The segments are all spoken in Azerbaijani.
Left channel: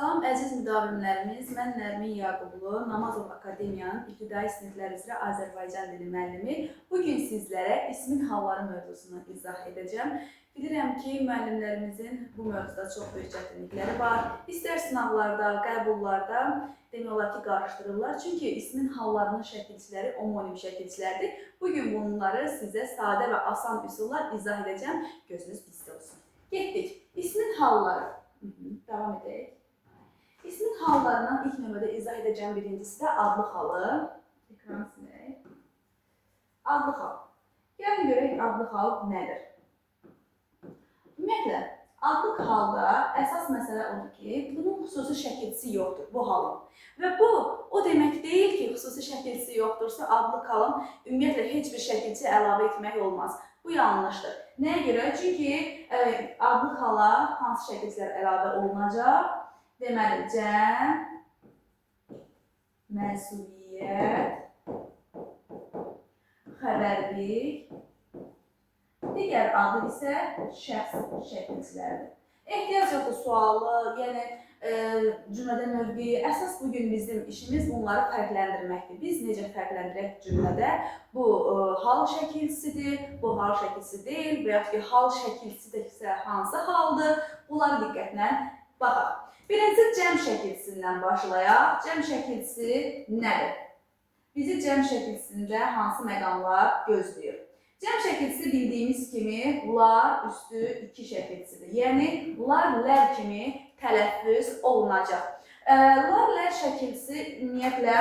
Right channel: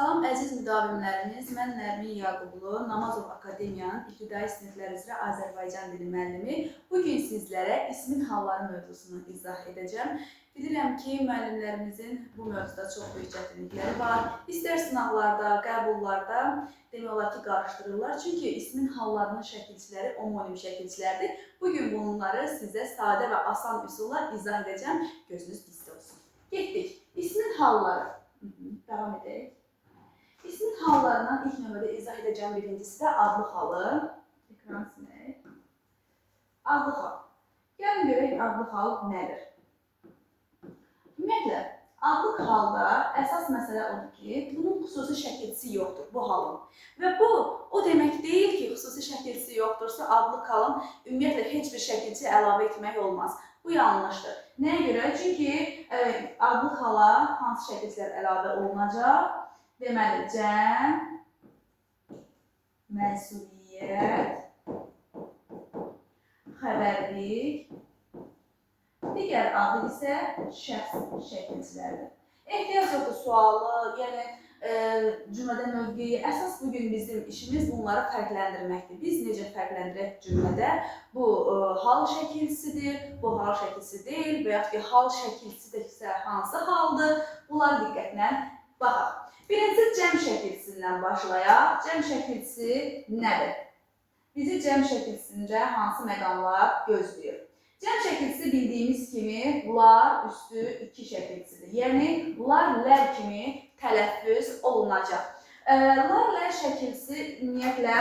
Salam əziz müdavimlərimiz, mən Nərmin Yaqublu, Namazov Akademiyanın İbtidai siniflər üzrə Azərbaycan dili müəllimi. Bugün sizlərə ismin halları mövzusunu izah edəcəm. Bilirəm ki, müəllimlərimizin bu mövzuda çox böyük çətinlikləri var. İstər sınavlarda, qəbullarda demək olar ki, qarışdırırlar. Çünki ismin hallarının şəkilçiləri omonim şəkilçilərdir. Bugün bunları sizə sadə və asan üsulla izah edəcəm. Gözünüz bizdə olsun. Getdik. İsmin halları. Davam edək. İsmin hallarından ilk növbədə izah edəcəm birincisi də adlı halı. Ekran silək. Adlı hal. Gəlin görək adlı hal nədir? Ümumiyyətlə, adlı halda əsas məsələ odur ki, bunun xüsusi şəkilçisi yoxdur, bu halın. Və bu, o demək deyil ki, xüsusi şəkilçisi yoxdursa, adlı halın ümumiyyətlə heç bir şəkilçi əlavə etmək olmaz. Bu yanlışdır. Nəyə görə? Çünki adlı hala hansı şəkilçilər əlavə olunacaq? Deməli, cəm, mənsubiyyət, xəbərlik, digər adı isə şəxs şəkilçilərdir. Ehtiyac yoxdur sualı, yəni cümlədə mövqeyi. Əsas bugün bizim işimiz bunları fərqləndirməkdir. Biz necə fərqləndirək cümlədə? Bu hal şəkilçisidir, bu hal şəkilçisi deyil və yaxud ki, hal şəkilçisi də isə hansı haldır? Bunları diqqətlə baxaq. Birinci cəm şəkilçisindən başlayaq. Cəm şəkilçisi nədir? Bizi cəm şəkilçisində hansı məqamlar gözləyir? Cəm şəkilçisi bildiyimiz kimi lar üstü 2 şəkilçisidir. Yəni, lar, lər kimi tələffüz olunacaq. Lar, lər şəkilçisi ümumiyyətlə,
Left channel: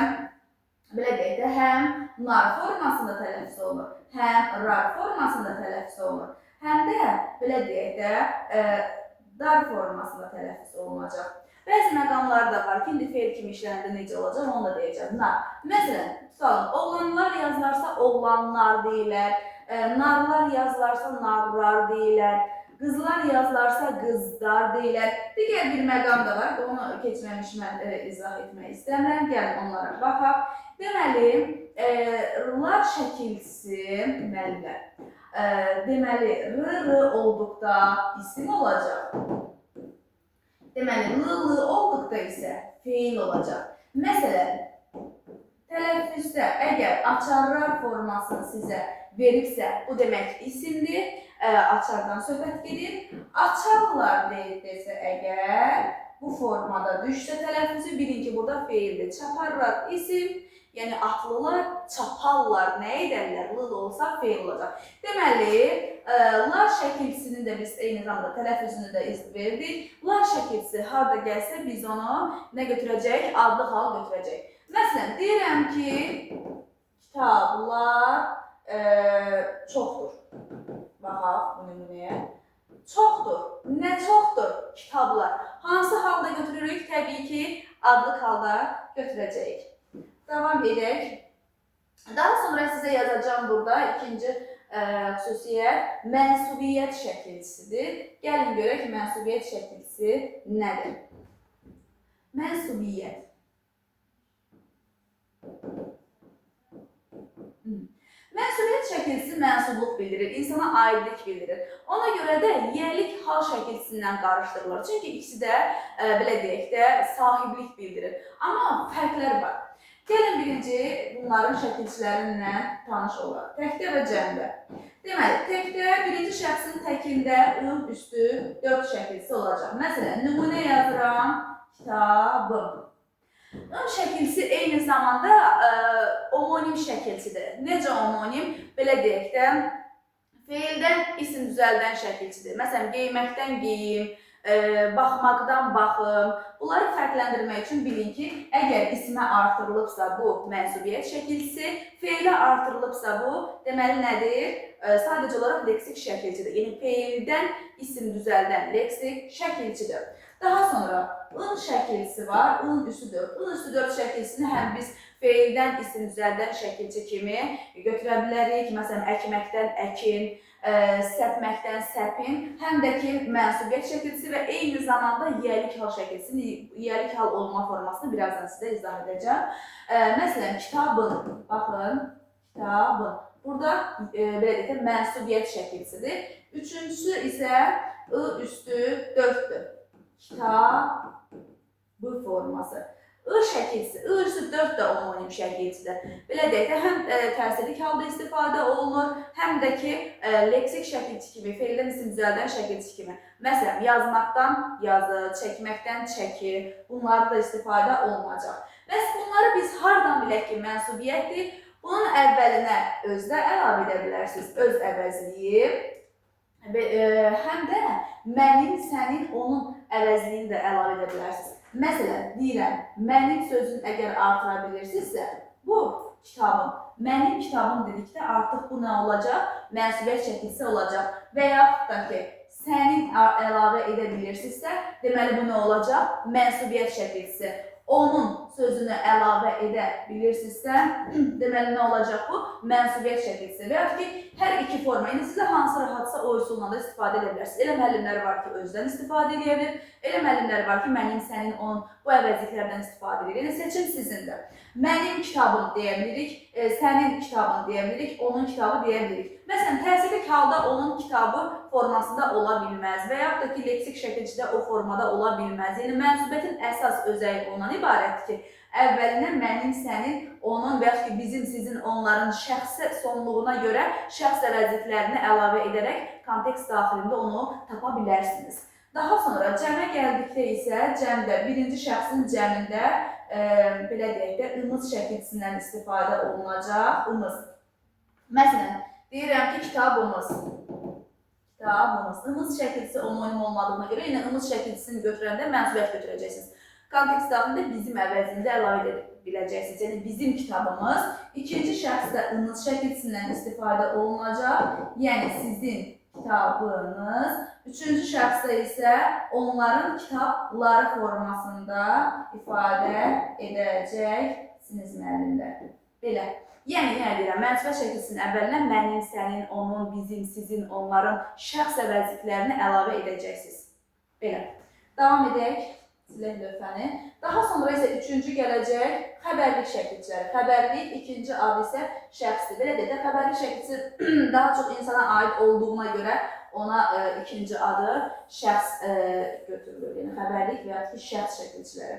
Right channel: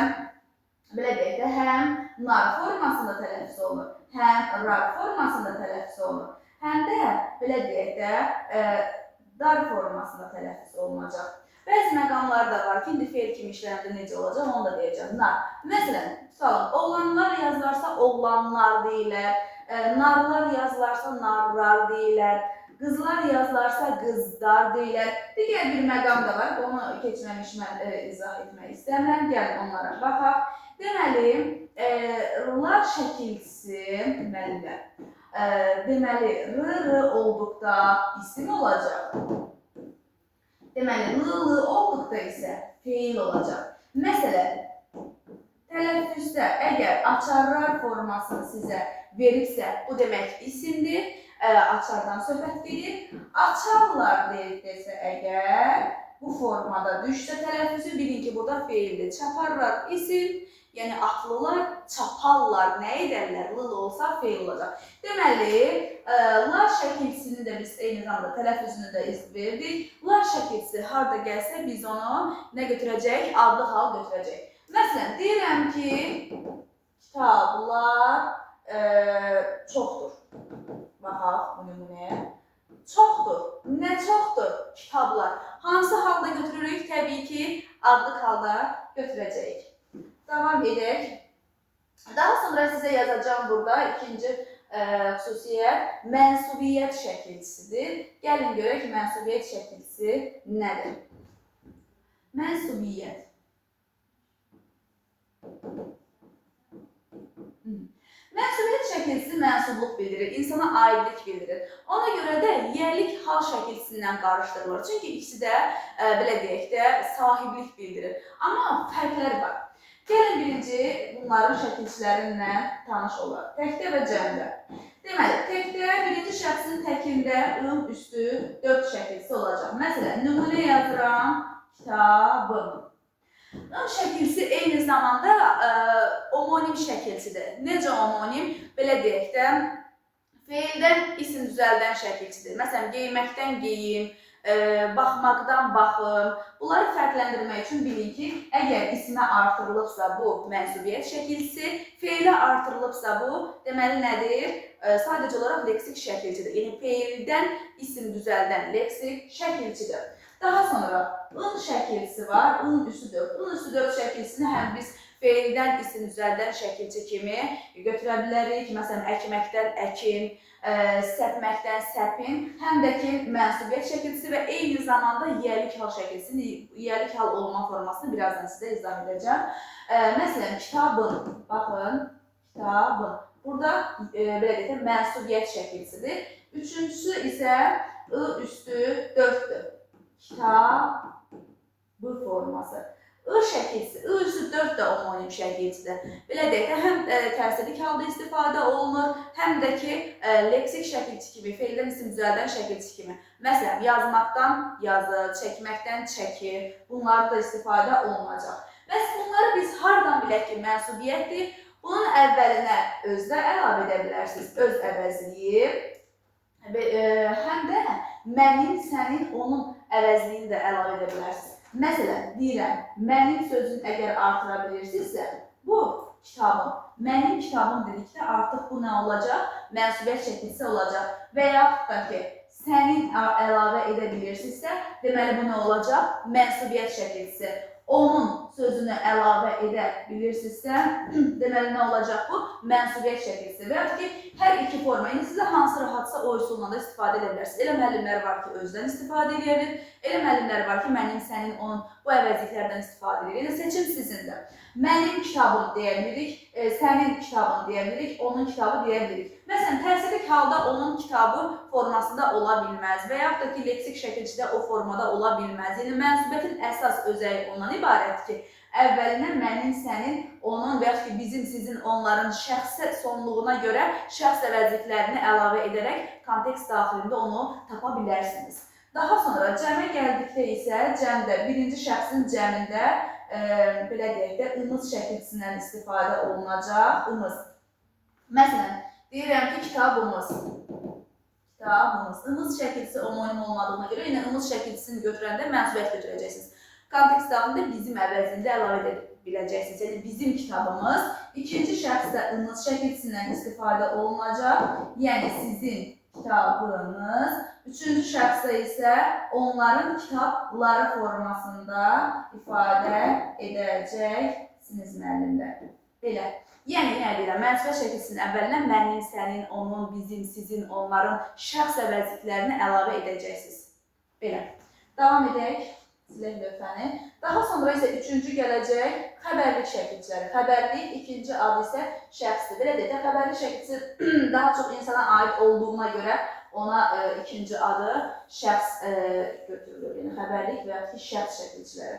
belə deyək də, həm nar formasında tələffüz olunur, həm rar formasında tələffüz olunur, həm də, belə deyək də, dar formasında tələffüz olunacaq. Bəzi məqamlar da var ki, indi feil kimi işlənəndə necə olacaq, onu da deyəcəm. Nar. Məsələn, tutalım, oğlanlar yazılarsa oğlanlar deyilər, narlar yazılarsa narlar deyilər, qızlar yazılarsa qızlar deyilər. Digər bir məqam da var, onu keçməmiş mən izah etmək istəmirəm. Gəlin onlara baxaq. Deməli, lar şəkilçisi, deməli, r olduqda isim olacaq. Deməli, l olduqda isə feil olacaq. Məsələn, tələffüzdə əgər açarlar formasını sizə veribsə, bu demək isimdir, açardan söhbət gedir. Açarlar desə əgər bu formada düşsə tələffüzü, bilin ki, burada feildir. Çaparlar isim, yəni atlılar, çaparlar, nə edərlər? L olsa feil olacaq. Deməli, lar şəkilçisini də biz eyni zamanda tələffüzünü də verdik. Lar şəkilçisi harada gəlsə biz onu nə götürəcək? Adlı hal götürəcək. Məsələn, deyirəm ki, kitablar çoxdur. Baxaq bu nümunəyə. Çoxdur. Nə çoxdur? Kitablar. Hansı halda götürürük? Təbii ki, adlı halda götürəcəyik. Davam edək. Daha sonra sizə yazacağım burada ikinci xüsusiyyət mənsubiyyət şəkilçisidir. Gəlin görək mənsubiyyət şəkilçisi nədir? Mənsubiyyət. Mənsubiyyət şəkilçisi mənsubluq bildirir, insana aidlik bildirir. Ona görə də yiyəlik hal şəkilçisindən qarışdırılır. Çünki ikisi də, belə deyək də, sahiblik bildirir. Amma fərqlər var. Gəlin birinci bunların şəkilçilərinlə tanış olaq. Təkdə və cəmdə. Deməli, təkdə birinci şəxsin təkində ı üstü 4 şəkilçisi olacaq. Məsələn, nümunə yazıram, kitabım. I şəkilçisi eyni zamanda omonim şəkilçidir. Necə omonim? Belə deyək də, feildən isim düzəldən şəkilçidir. Məsələn, geyməkdən geyim, baxmaqdan baxım. Bunları fərqləndirmək üçün bilin ki, əgər ismə artırılıbsa bu mənsubiyyət şəkilçisi, feilə artırılıbsa bu, deməli nədir? Sadəcə olaraq leksik şəkilçidir. Yəni, feildən isim düzəldən leksik şəkilçidir. Daha sonra, ın şəkilçisi var, ın üstü 4. In üstü 4 şəkilçisini həm biz feildən isim düzəldən şəkilçi kimi götürə bilərik. Məsələn, əkməkdən əkin, səpməkdən səpin, həm də ki, mənsubiyyət şəkilçisi və eyni zamanda yiyəlik hal şəkilçisi, yiyəlik hal olma formasını birazdan sizə izah edəcəm. Məsələn, kitabın, baxın, kitabın. Burada, belə deyək də, mənsubiyyət şəkilçisidir. Üçüncüsü isə ı üstü 4'dür. Kitab, forması. I şəkilsi, I üstü 4 də homonim şəkilsidir. Belə deyək də, həm təsirlik halda istifadə olunur, həm də ki, leksik şəkilçi kimi, feildən isim düzəldən şəkilçi kimi. Məsələn, yazmaqdan yazı, çəkməkdən çəki, bunlarda da istifadə olunacaq. Bəs bunları biz hardan bilək ki, mənsubiyyətdir? Bunun əvvəlinə özdə əlavə edə bilərsiniz, öz əvəzliyi. Həm də mənim, sənin, onun əvəzliyini də əlavə edə bilərsiniz. Məsələn, deyirəm, mənim sözünü əgər artıra bilirsinizsə, bu kitabım, mənim kitabım dedikdə artıq bu nə olacaq? Mənsubiyyət şəkilsi olacaq. Və yaxud da ki, sənin əlavə edə bilirsinizsə, deməli bu nə olacaq? Mənsubiyyət şəkilsi. Onun sözünü əlavə edə bilirsinizsə, deməli nə olacaq bu? Mənsubiyyət şəkilsi. Və yaxud ki, hər iki forma, indi sizə hansı rahatsa o üsulla da istifadə edə bilərsiniz. Elə müəllimlər var ki, özdən istifadə edə bilir. Elə müəllimlər var ki, mənim, sənin, onun bu əvəzliklərdən istifadə edir. Yəni, seçim sizindir. Mənim kitabım deyə bilirik, sənin kitabın deyə bilirik, onun kitabı deyə bilirik. Məsələn, təsirlik halda onun kitabı formasında ola bilməz və yaxud da ki, leksik şəkilçidə o formada ola bilməz. Yəni, mənsubiyyətin əsas özəyi ondan ibarətdir ki, əvvəlinə mənim, sənin, onun və yaxud ki, bizim, sizin, onların şəxsi sonluğuna görə şəxs əvəzliklərini əlavə edərək kontekst daxilində onu tapa bilərsiniz. Daha sonra cəmə gəldikdə isə cəmdə, birinci şəxsin cəmində belə deyək də, ımız şəkilçisindən istifadə olunacaq. Imız. Məsələn, deyirəm ki, kitabımız. Kitabımız. Imız şəkilçisi homonim olmadığına görə yine ımız şəkilçisini götürəndə mənsubiyyət götürəcəksiniz. Kontekst daxilində bizim əvəzində əlavə edə biləcəksiniz. Yəni, bizim kitabımız. İkinci şəxsdə ımız şəkilçisindən istifadə olunacaq. Yəni, sizin kitabınız. Üçüncü şəxsdə isə onların kitabları formasında ifadə edəcəksiniz müəllimlər. Belə. Yəni, nə deyirəm, mənsubiyyət şəkilçisinin əvvəlinə mənim, sənin, onun, bizim, sizin, onların şəxs əvəzliklərini əlavə edəcəksiniz. Belə. Davam edək. Silək lövhəni. Daha sonra isə üçüncü gələcək xəbərlik şəkilçiləri. Xəbərlik ikinci adı isə şəxsdir. Belə deyək də, xəbərlik şəkilçisi daha çox insana aid olduğuna görə ona ikinci adı şəxs götürülür. Yəni, xəbərlik və ya ki, şəxs şəkilçiləri.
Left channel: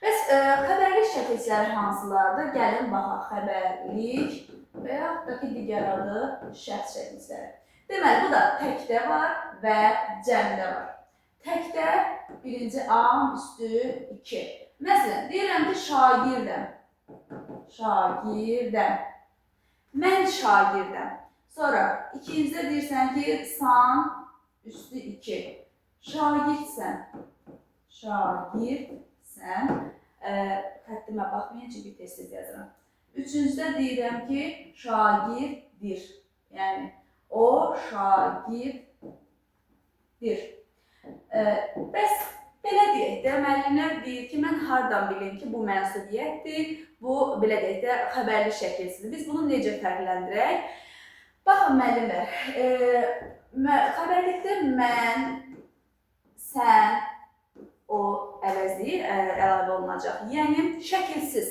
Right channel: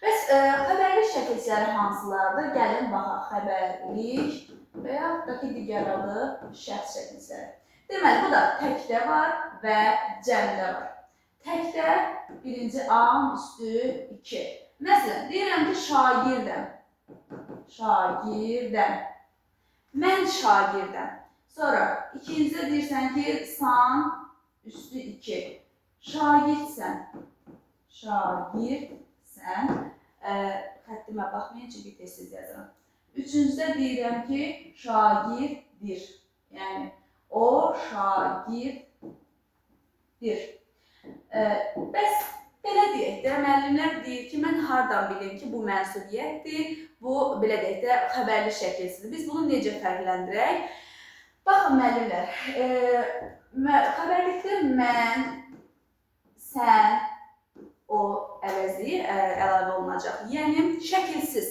Bəs xəbərlik şəkilçiləri hansılardır? Gəlin baxaq, xəbərlik və ya da ki, digər adı şəxs şəkilçiləri. Deməli, bu da təkdə var və cəmdə var. Təkdə birinci am üstü 2. Məsələn, deyirəm ki, şagirdəm. Şagirdəm. Mən şagirdəm. Sonra ikincidə deyirsən ki, san üstü 2. Şagirdsən. Şagirdsən. Xəttimə baxmayın, çünki tez-tez yazıram. Üçüncüdə deyirəm ki, şagirdir. Yəni, o şagirdir. Bəs belə deyək də, müəllimlər deyir ki, mən hardan bilim ki, bu mənsubiyyətdir, bu belə deyək də, xəbərli şəkilsidir. Biz bunu necə fərqləndirək? Baxın, müəllimlər, xəbərlikdə mən, sən, o əvəzliyi əlavə olunacaq. Yəni, şəkilsiz.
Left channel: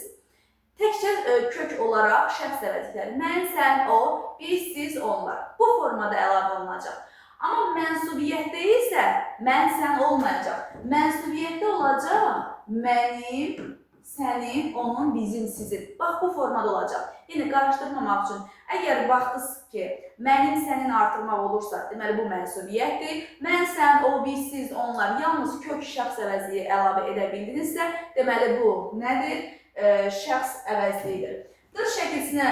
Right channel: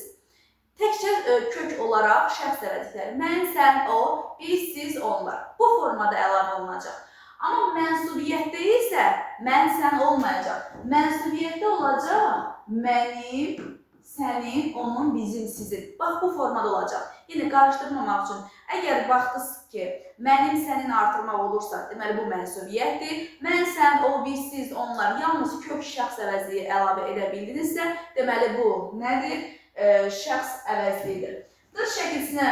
Təkcə kök olaraq şəxs əvəzlikləri. Mən, sən, o, biz, siz, onlar. Bu formada əlavə olunacaq. Amma mənsubiyyətdə isə mən, sən olmayacaq. Mənsubiyyətdə olacaq mənim, sənin, onun, bizim, sizin. Bax, bu formada olacaq. Yəni, qarışdırmamaq üçün, əgər baxdınız ki, mənim, sənin artırmaq olursa, deməli, bu mənsubiyyətdir. Mən, sən, o, biz, siz, onlar, yalnız kök şəxs əvəzliyi əlavə edə bildinizsə, deməli, bu nədir? Şəxs əvəzliyidir. Dır şəkilsinə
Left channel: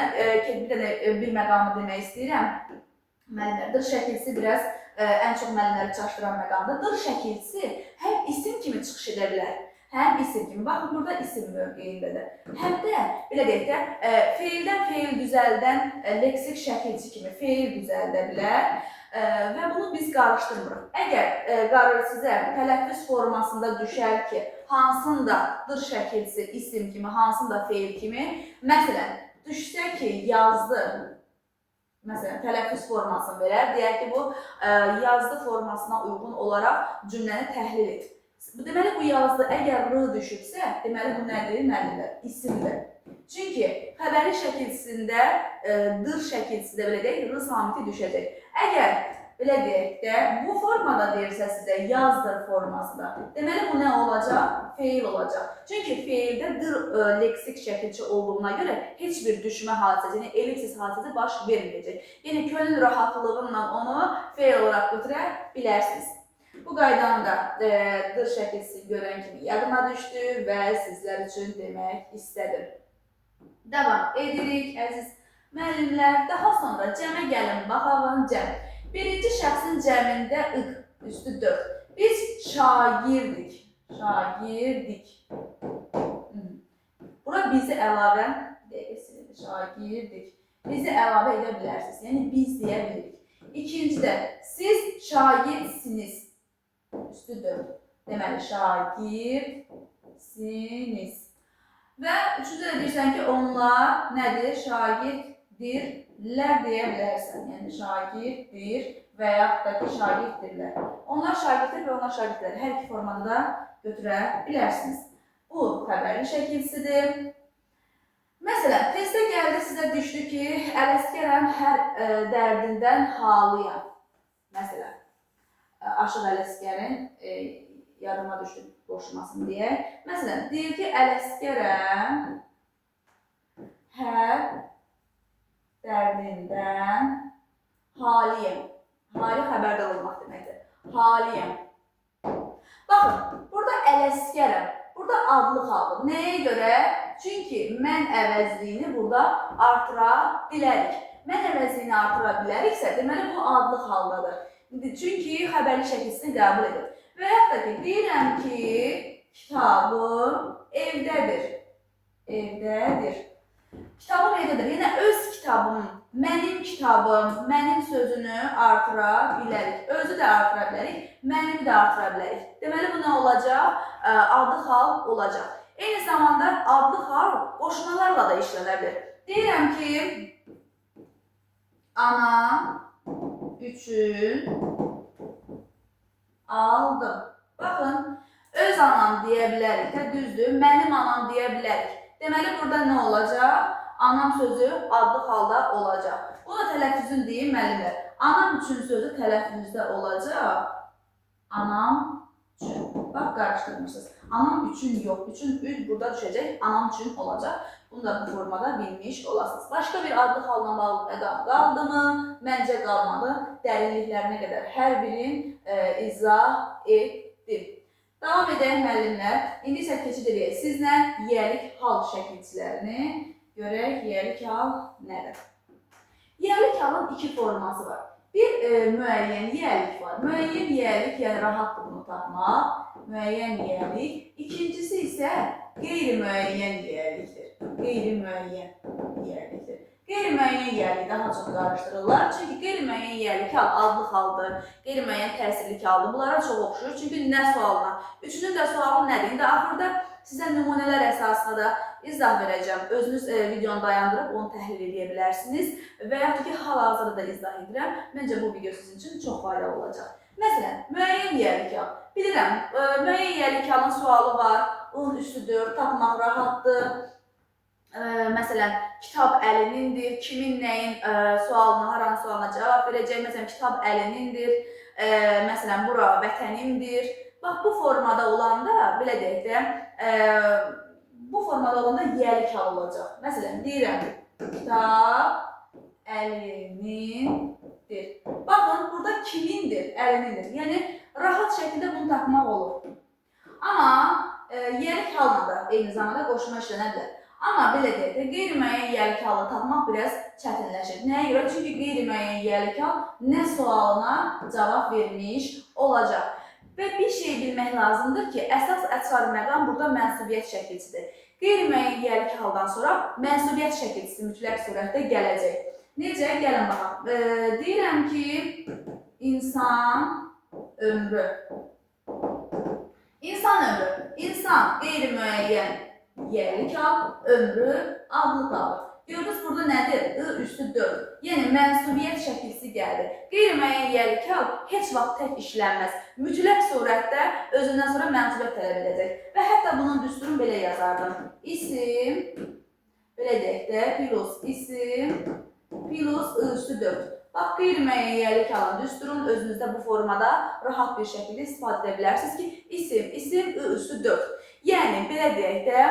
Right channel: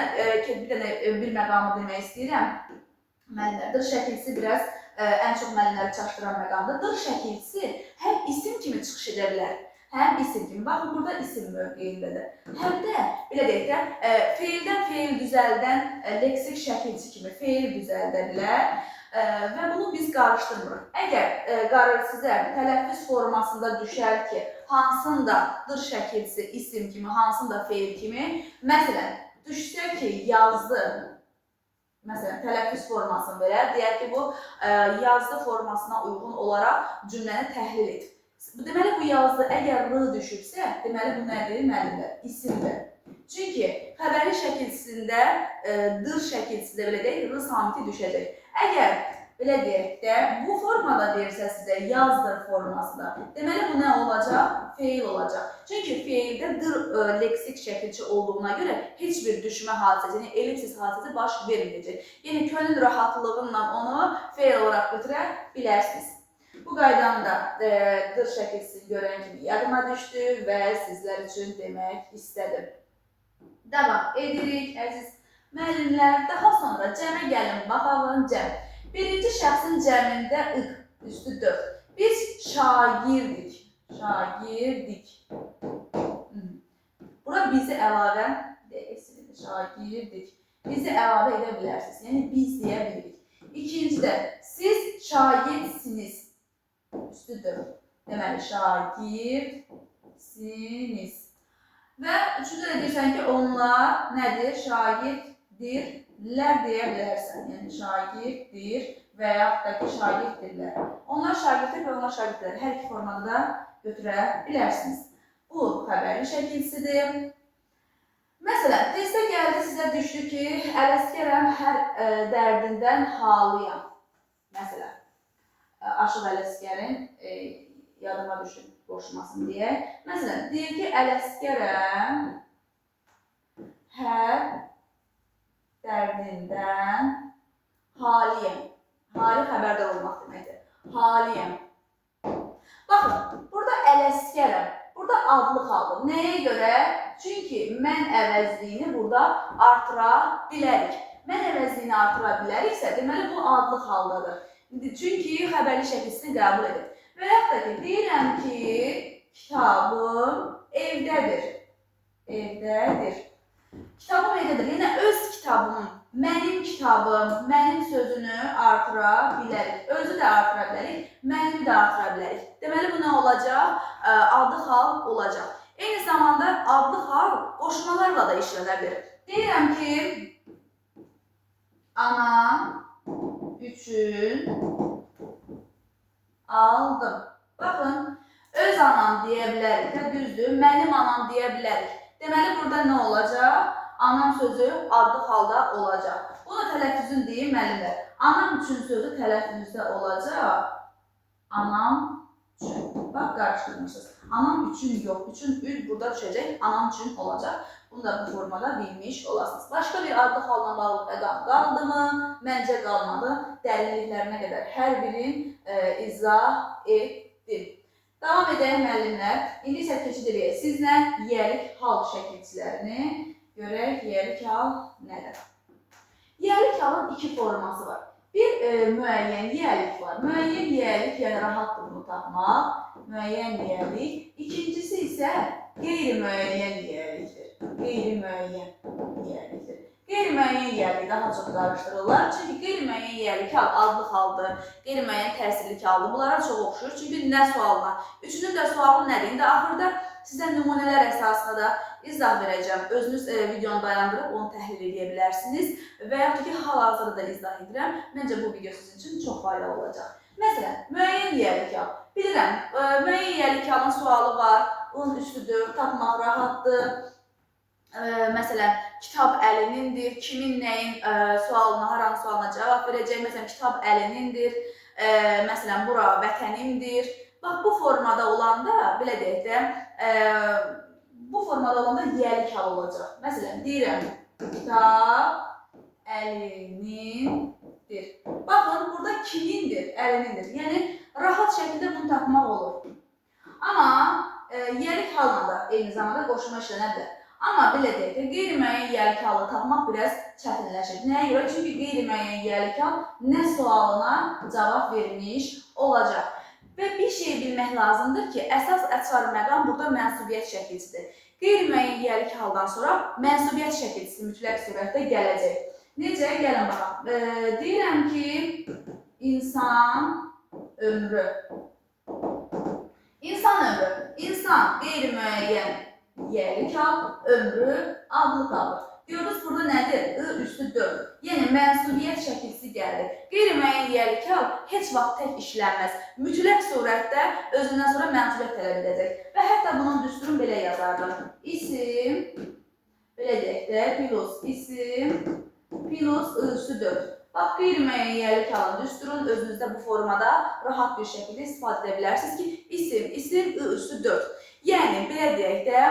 bir məqamı demək istəyirəm. Müəllimlər, dır şəkilsi biraz ən çox müəllimləri çaşdıran məqamdır. Dır şəkilsi həm isim kimi çıxış edə bilər, həm isim kimi. Baxın, burada isim mövqeyindədir. Həm də, belə deyək də, feildən feil düzəldən leksik şəkilçi kimi feil düzəldə bilər və bunu biz qarışdırmırıq. Əgər sizə tələffüz formasında düşər ki, hansında dır şəkilsi isim kimi, hansında feil kimi, məsələn, düşsə ki, yazdı, məsələn, tələffüz formasını verər, deyək ki, bu yazdı formasına uyğun olaraq cümləni təhlil et. Deməli, bu yazdı, əgər r düşübsə, deməli, bu nədir, müəllimlər? İsimdir. Çünki xəbəri şəkilçisində, dır şəkilçisində belə deyək, r samiti düşəcək. Əgər belə deyək də, bu formada deyirsə sizə yazdır formasında. Deməli, bu nə olacaq? Feil olacaq. Çünki feildə leksik şəkilçi olduğuna görə heç bir düşmə hadisəsi, yəni ellipsis hadisəsi baş verməyəcək. Yəni, könül rahatlığıyla onu feil olaraq götürə bilərsiniz. Bu qaydanı da dır şəkilçisi görən kimi yadıma düşdü və sizlər üçün demək istədim. Davam edirik, əziz müəllimlər. Daha sonra cəmə gəlin, baxalım cəm. Birinci şəxsin cəmində ıq, üstü 4. Biz şagirdik. Şagirdik. Bura bizi əlavə, şagirdik. Bizi əlavə edə bilərsiniz. Yəni, biz deyə bilirik. İkincidə, siz şagirsiniz. Üstü 4. Deməli, şagirsiniz. Və üçüncü də deyirsən ki, onlar nədir? Şagirdirlər deyə bilərsən. Yəni, şagirdir və yaxud da ki, şagirdirlər. Onlar şagirdir və onlar şagirdirlər. Hər iki formada da götürə bilərsiniz. Bu, xəbərli şəkilçisidir. Məsələn, testdə gəldi, sizə düşdü ki, Ələsgərəm hər dərdindən halıyam. Məsələn, Aşıq Ələsgərin yadıma düşdü qoşulmasın deyə. Məsələn, deyir ki, Ələsgərəm hər dərdindən haliyəm. Hali xəbərdar olmaq deməkdir. Haliyəm. Baxın, burada Ələsgərəm. Burada adlıq aldım. Nəyə görə? Çünki mən əvəzliyini burada artıra bilərik. Mən əvəzliyini artıra biləriksə, deməli bu adlıq haldadır. Çünki xəbərli şəkilçisini qəbul edir. Və yaxud da ki, deyirəm ki, kitabım evdədir. Evdədir. Kitabım evdədir. Yəni, öz kitabım, mənim sözünü artıra bilərik. Özü də artıra bilərik, mənimi də artıra bilərik. Deməli, bu nə olacaq? Adlıq hal olacaq. Eyni zamanda adlıq hal qoşmalarla da işlənə bilir. Deyirəm ki, anam üçün aldım. Baxın, öz anam deyə bilərik də, düzdür, mənim anam deyə bilərik. Deməli, burada nə olacaq? Anam sözü adlıq halda olacaq. Bu da tələffüzün deyim, müəllimlər. Anam üçün sözü tələffüzdə olacaq. Anam üçün. Bax, qarışdırmışsınız. Anam üçün yox, üçün üd burada düşəcək, anam üçün olacaq. Bunu da bu formada bilmiş olasınız. Başqa bir adlıq halına bağlı məqam qaldı mı? Məncə qalmadı. Dərinliklərinə qədər hər birin izah etdim. Davam edək müəllimlər. İndi isə keçid edək. Sizlə yiyəlik hal şəkilçilərini görək. Yiyəlik hal nədir? Yiyəlik halın iki forması var. Bir müəyyən yiyəlik var. Müəyyən yiyəlik, yəni rahatdır bunu tapmaq. Müəyyən yiyəlik. İkincisi isə qeyri-müəyyən yiyəlikdir. Qeyri-müəyyən yiyəlikdir. Qeyri-müəyyən yiyəlik daha çox qarışdırırlar. Çünki qeyri-müəyyən yiyəlik hal adlıq haldır, qeyri-müəyyən təsirlik haldır. Bunlara çox oxşuyur. Çünki nə sualına? Üçünün də sualı nədir? İndi axırda sizə nümunələr əsasında da izah verəcəm. Özünüz videonu dayandırıb onu təhlil edə bilərsiniz. Və yaxud ki, hal-hazırda da izah edirəm. Məncə bu video sizin üçün çox faydalı olacaq. Məsələn, müəyyən yiyəlik hal. Bilirəm, müəyyən yiyəlik halın sualı var. Onun üstüdür, tapmaq rahatdır. Məsələn, kitab əlinindir, kimin nəyin sualına, hər hansı sualına cavab verəcək. Məsələn, kitab əlinindir, məsələn, bura vətənimdir. Bax, bu formada olanda, belə deyək də, bu formada olanda yiyəlik hal olacaq. Məsələn, deyirəm, kitab əlinindir. Baxın, burada kimindir, əlinindir. Yəni, rahat şəkildə bunu tapmaq olur. Amma yiyəlik halına da eyni zamanda qoşma işlənə bilər. Amma belə deyək də, qeyri-müəyyən yiyəlik halı tapmaq biraz çətinləşir. Nəyə görə? Çünki qeyri-müəyyən yiyəlik hal nə sualına cavab vermiş olacaq. Və bir şey bilmək lazımdır ki, əsas əçar məqam burada mənsubiyyət şəkilçisidir. Qeyri-müəyyən yiyəlik haldan sonra mənsubiyyət şəkilçisi mütləq surətdə gələcək. Necə? Gəlin baxaq. Deyirəm ki, insan ömrü. İnsan ömrü. İnsan qeyri-müəyyən yiyəlik hal, ömrü adlıq haldır. Gördünüz burada nədir? I üstü 4. Yəni mənsubiyyət şəkilçisi gəldi. Qeyri-müəyyən yiyəlik hal heç vaxt tək işlənməz. Mütləq surətdə özündən sonra mənsubiyyət tələb edəcək. Və hətta bunun düsturunu belə yazardım. İsim, belə deyək də, plus isim, plus I üstü 4. Bax, qeyri-müəyyən yiyəlik halın düsturun özünüzdə bu formada rahat bir şəkildə istifadə edə bilərsiniz ki, isim, I üstü 4. Yəni, belə deyək də,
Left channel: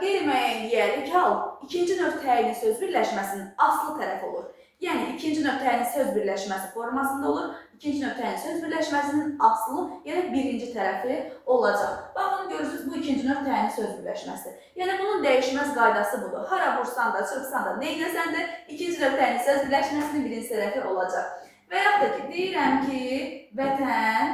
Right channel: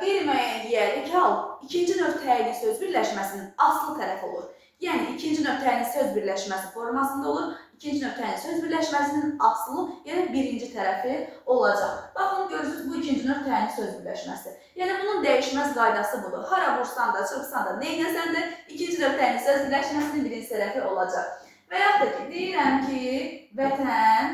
qeyri-müəyyən yiyəlik hal ikinci növ təyini söz birləşməsinin aslı tərəfi olur. Yəni, ikinci növ təyini söz birləşməsi formasında olur. İkinci növ təyini söz birləşməsinin aslı, yəni birinci tərəfi olacaq. Baxın, görürsünüz, bu ikinci növ təyini söz birləşməsi. Yəni, bunun dəyişməz qaydası budur. Hara vursan da, çırpsan da, neynəsən də ikinci növ təyini söz birləşməsinin birinci tərəfi olacaq. Və yaxud da ki, deyirəm ki, vətən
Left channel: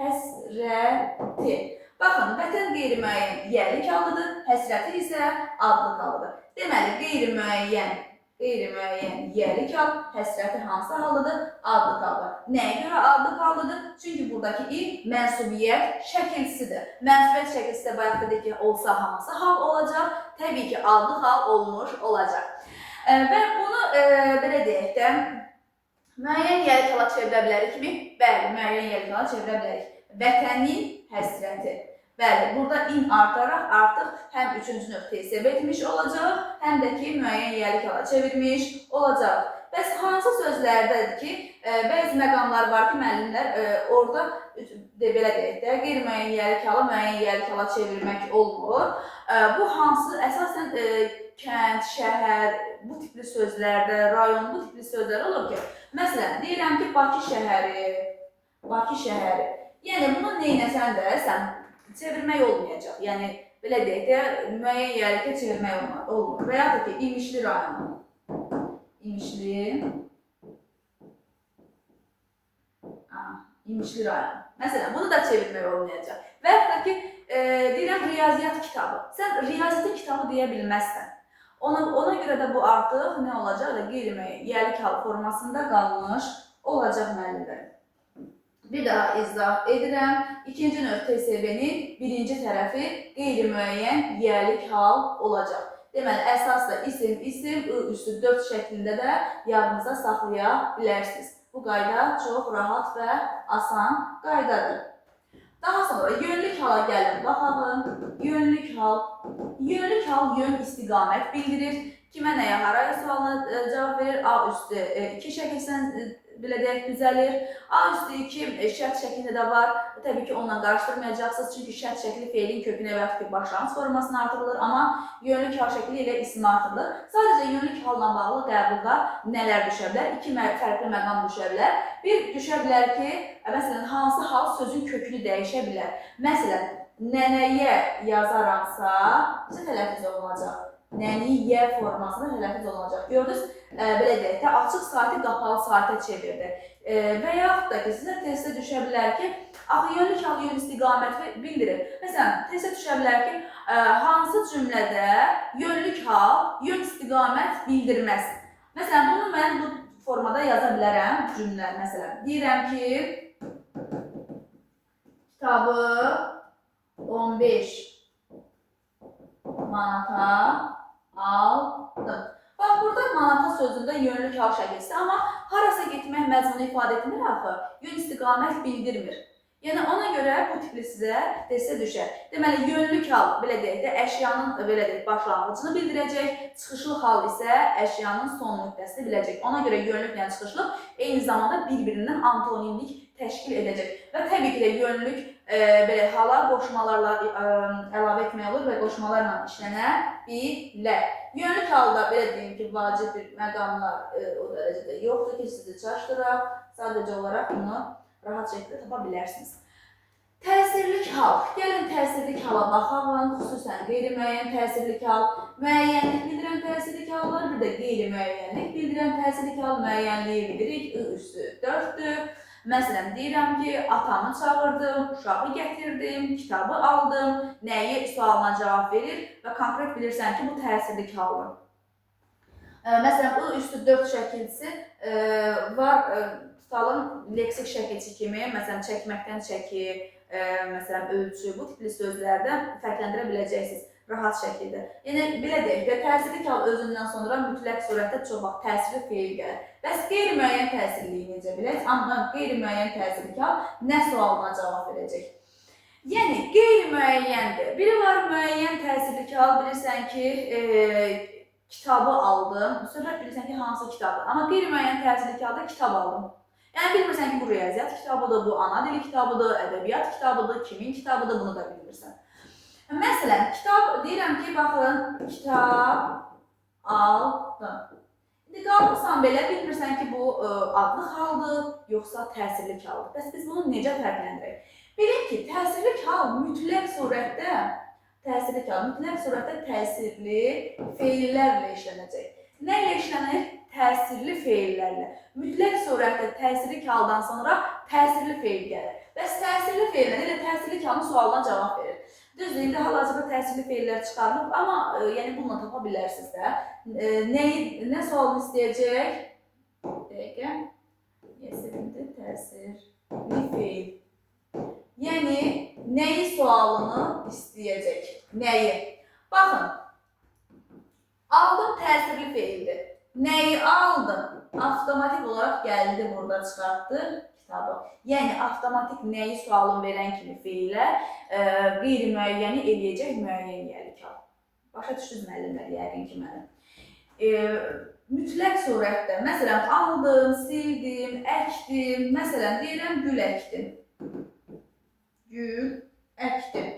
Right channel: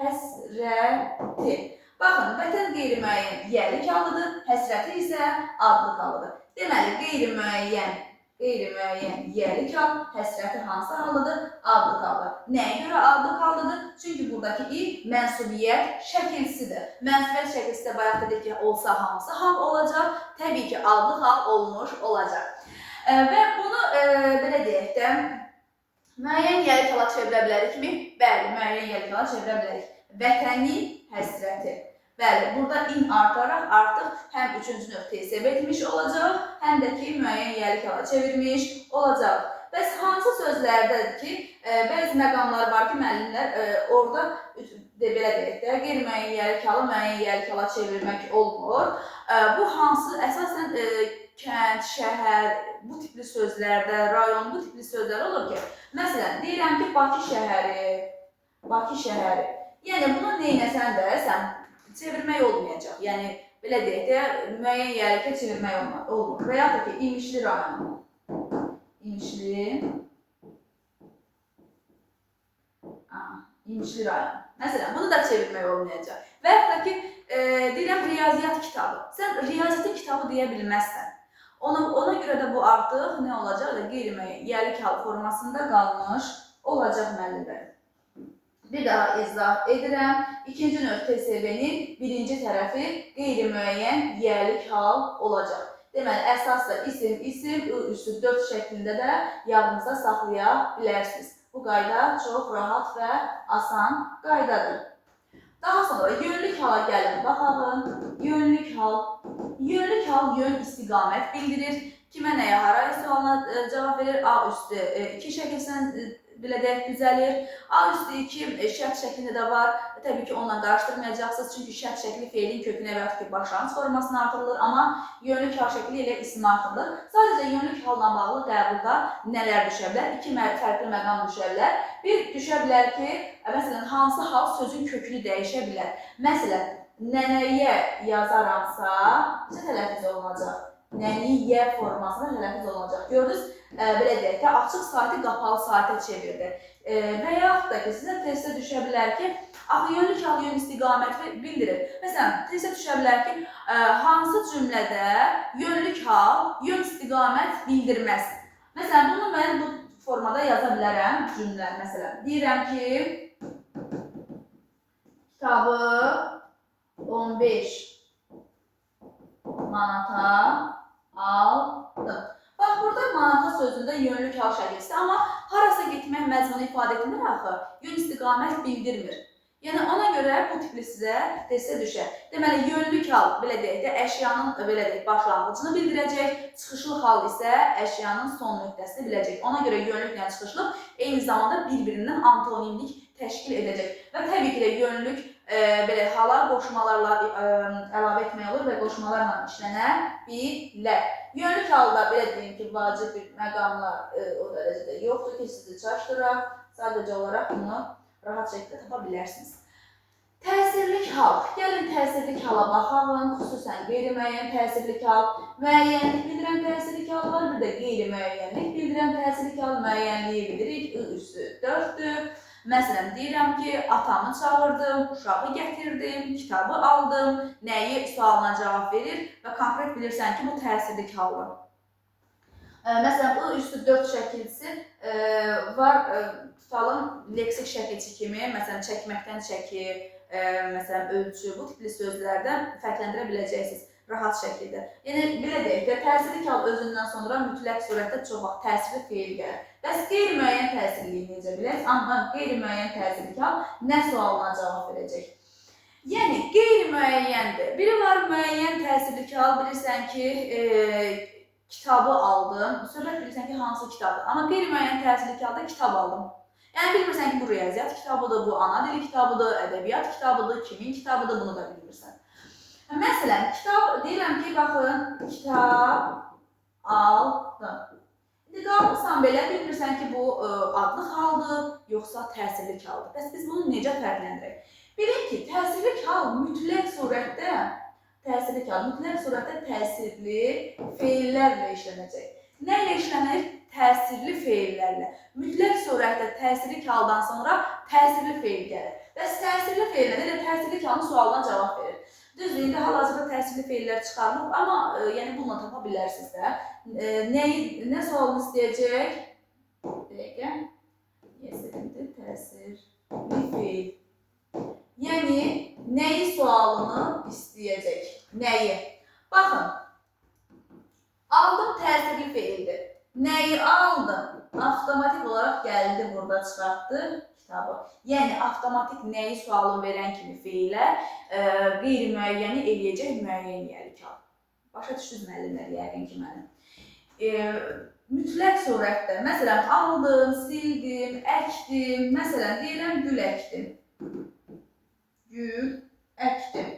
həsrəti. Baxın, vətən qeyri-müəyyən yiyəlik halıdır, həsrəti isə adlıq halıdır. Deməli, qeyri-müəyyən yiyəlik hal, həsrəti hansı halıdır? Adlıq halıdır. Nəyə görə adlıq halıdır? Çünki buradakı I mənsubiyyət şəkilsidir. Mənsubiyyət şəkilsi də bayaq dedik ki, olsa hansı hal olacaq? Təbii ki, adlıq hal olmuş olacaq. Və bunu belə deyək də, müəyyən yiyəlik hala çevirə bilərik mi? Bəli, müəyyən yiyəlik hala çevirə bilərik. Vətənin həsrəti. Bəli, burada in artaraq artıq həm üçüncü nöqtəyi səbəb etmiş olacaq, həm də ki, müəyyən yiyəlik hala çevirmiş olacaq. Bəs hansı sözlərdədir ki, bəzi məqamlar var ki, müəllimlər orada belə deyək də, qeyri-müəyyən yiyəlik hala müəyyən yiyəlik hala çevirmək olmur. Bu hansı? Əsasən kənd, şəhər, bu tipli sözlərdə, rayon, bu tipli sözlər olur ki, məsələn, deyirəm ki, Bakı şəhəri. Yəni, bunu neynəsən də sən çevirmək olmayacaq. Yəni, belə deyək də, müəyyən yiyəlikə çevirmək olmur. Və yaxud da ki, İmişli rayonu. İmişli rayonu. Məsələn, bunu da çevirmək olmayacaq. Və yaxud da ki, deyirəm, riyaziyyat kitabı. Sən riyaziyyat kitabı deyə bilməzsən. Ona görə də bu artıq nə olacaq? Qeyri-müəyyən yiyəlik hal formasında qalmış olacaq müəllimlər. Bir daha izah edirəm. İkinci növ TSB-nin birinci tərəfi qeyri-müəyyən yiyəlik hal olacaq. Deməli, əsas da isim, I üstü 4 şəklində də yadınızda saxlaya bilərsiniz. Bu qayda çox rahat və asan qaydadır. Daha sonra yönlük hala gəlin, baxalım. Yönlük hal yön istiqamət bildirir. Kimə nəyə, haraya sualına cavab verir? A üstü 2 şəkilsən belə deyək, düzəlir. A üstü 2 şərt şəklində də var. Təbii ki, onunla qarışdırmayacaqsınız. Çünki şərt şəkli feilin kökünə və yaxud ki, başlanğıc formasına artırılır. Amma yönlük hal şəkli ilə ismi artırılır. Sadəcə yönlük halla bağlı qəbulda nələr düşə bilər? 2 fərqli məqam düşə bilər. Bir düşə bilər ki, məsələn, hansı hal sözün kökünü dəyişə bilər? Məsələn, nənəyə yazaramsa, necə tələffüz olunacaq? Nəniyyə formasında tələffüz olunacaq. Gördünüz, belə deyək də, açıq saati qapalı saatə çevirdi. Və yaxud da ki, sizə testə düşə bilər ki, axı yönlük hal yön istiqamət bildirir. Məsələn, testə düşə bilər ki, hansı cümlədə yönlük hal yön istiqamət bildirməz. Məsələn, bunu mən bu formada yaza bilərəm cümlə. Məsələn, deyirəm ki, kitabı 15 manata aldım. Bax, burada manata sözündə yönlük hal şəkilsidir, amma harasa getmək məzmunu ifadə etmir axı, yön istiqamət bildirmir. Yəni, ona görə bu tipli sizə testə düşər. Deməli, yönlük hal, belə deyək də, əşyanın başlanğıcını bildirəcək, çıxışlıq hal isə əşyanın son nöqtəsini biləcək. Ona görə yönlüklə çıxışlıq eyni zamanda bir-birindən antonimlik təşkil edəcək. Və təbii ki də yönlük hala qoşmalarla əlavə etmək olur və qoşmalarla işlənə bilər. Yönlük halda belə deyim ki, vacib bir məqamlar o dərəcədə yoxdur ki, sizi çaşdıraq. Sadəcə olaraq bunu rahat şəkildə tapa bilərsiniz. Təsirlik hal. Gəlin təsirlik hala baxalım. Xüsusən qeyri-müəyyən təsirlik hal. Müəyyənlik bildirən təsirlik hal var. Bir də qeyri-müəyyənlik bildirən təsirlik hal. Müəyyənliyi bilirik. I üstü 4-dür. Məsələn, deyirəm ki, atamı çağırdım, uşağı gətirdim, kitabı aldım, nəyi sualına cavab verir və konkret bilirsən ki, bu təsirlik haldır. Məsələn, I üstü 4 şəkilçisi var, tutalım leksik şəkilçi kimi, məsələn, çəkməkdən çəki, məsələn, ölçü, bu tipli sözlərdən fərqləndirə biləcəksiniz rahat şəkildə. Yəni, belə deyək də, təsirlik hal özündən sonra mütləq surətdə çox vaxt təsirli feil gəlir. Bəs qeyri-müəyyən təsirliyi necə bilək? Amma qeyri-müəyyən təsirlik hal nə sualına cavab verəcək? Yəni, qeyri-müəyyəndir. Biri var müəyyən təsirlik hal, bilirsən ki, kitabı aldım. Söhbət bilirsən ki, hansı kitabdır. Amma qeyri-müəyyən təsirli halda kitab aldım. Yəni bilmirsən ki, bu riyaziyyat kitabıdır, bu ana dili kitabıdır, ədəbiyyat kitabıdır, kimin kitabıdır, bunu da bilmirsən. Məsələn, kitab deyirəm ki, baxın, kitab aldım. İndi qalmışsan belə bilmirsən ki, bu adlı haldır, yoxsa təsirli haldır. Bəs biz bunu necə fərqləndirək? Bilin ki, təsirli hal mütləq surətdə təsirli feillərlə işlənəcək. Nə ilə işlənir? Təsirli feillərlə. Mütləq surətdə təsirli haldan sonra təsirli feil gəlir. Bəs təsirli feillər elə təsirli halın sualına cavab verir. Düzdür, indi hal-hazırda təsirli feillər çıxarılıb, amma yəni bununla tapa bilərsiniz də. Nə sualını istəyəcək? Dəqiqə. Yəsirində təsirli feil. Yəni, nəyi sualını istəyəcək? Nəyi? Baxın, aldım təsirli feildir. Nəyi aldım? Avtomatik olaraq gəldi, burada çıxartdı kitabı. Yəni, avtomatik nəyi sualını verən kimi feilə qeyri-müəyyəni eləyəcək müəyyən yəlik al. Başa düşdünüz müəllimlər, yəqin ki, mənim. Mütləq surətdə, məsələn, aldım, sildim, əkdim, məsələn, deyirəm, gül əkdim. Gül əkdim.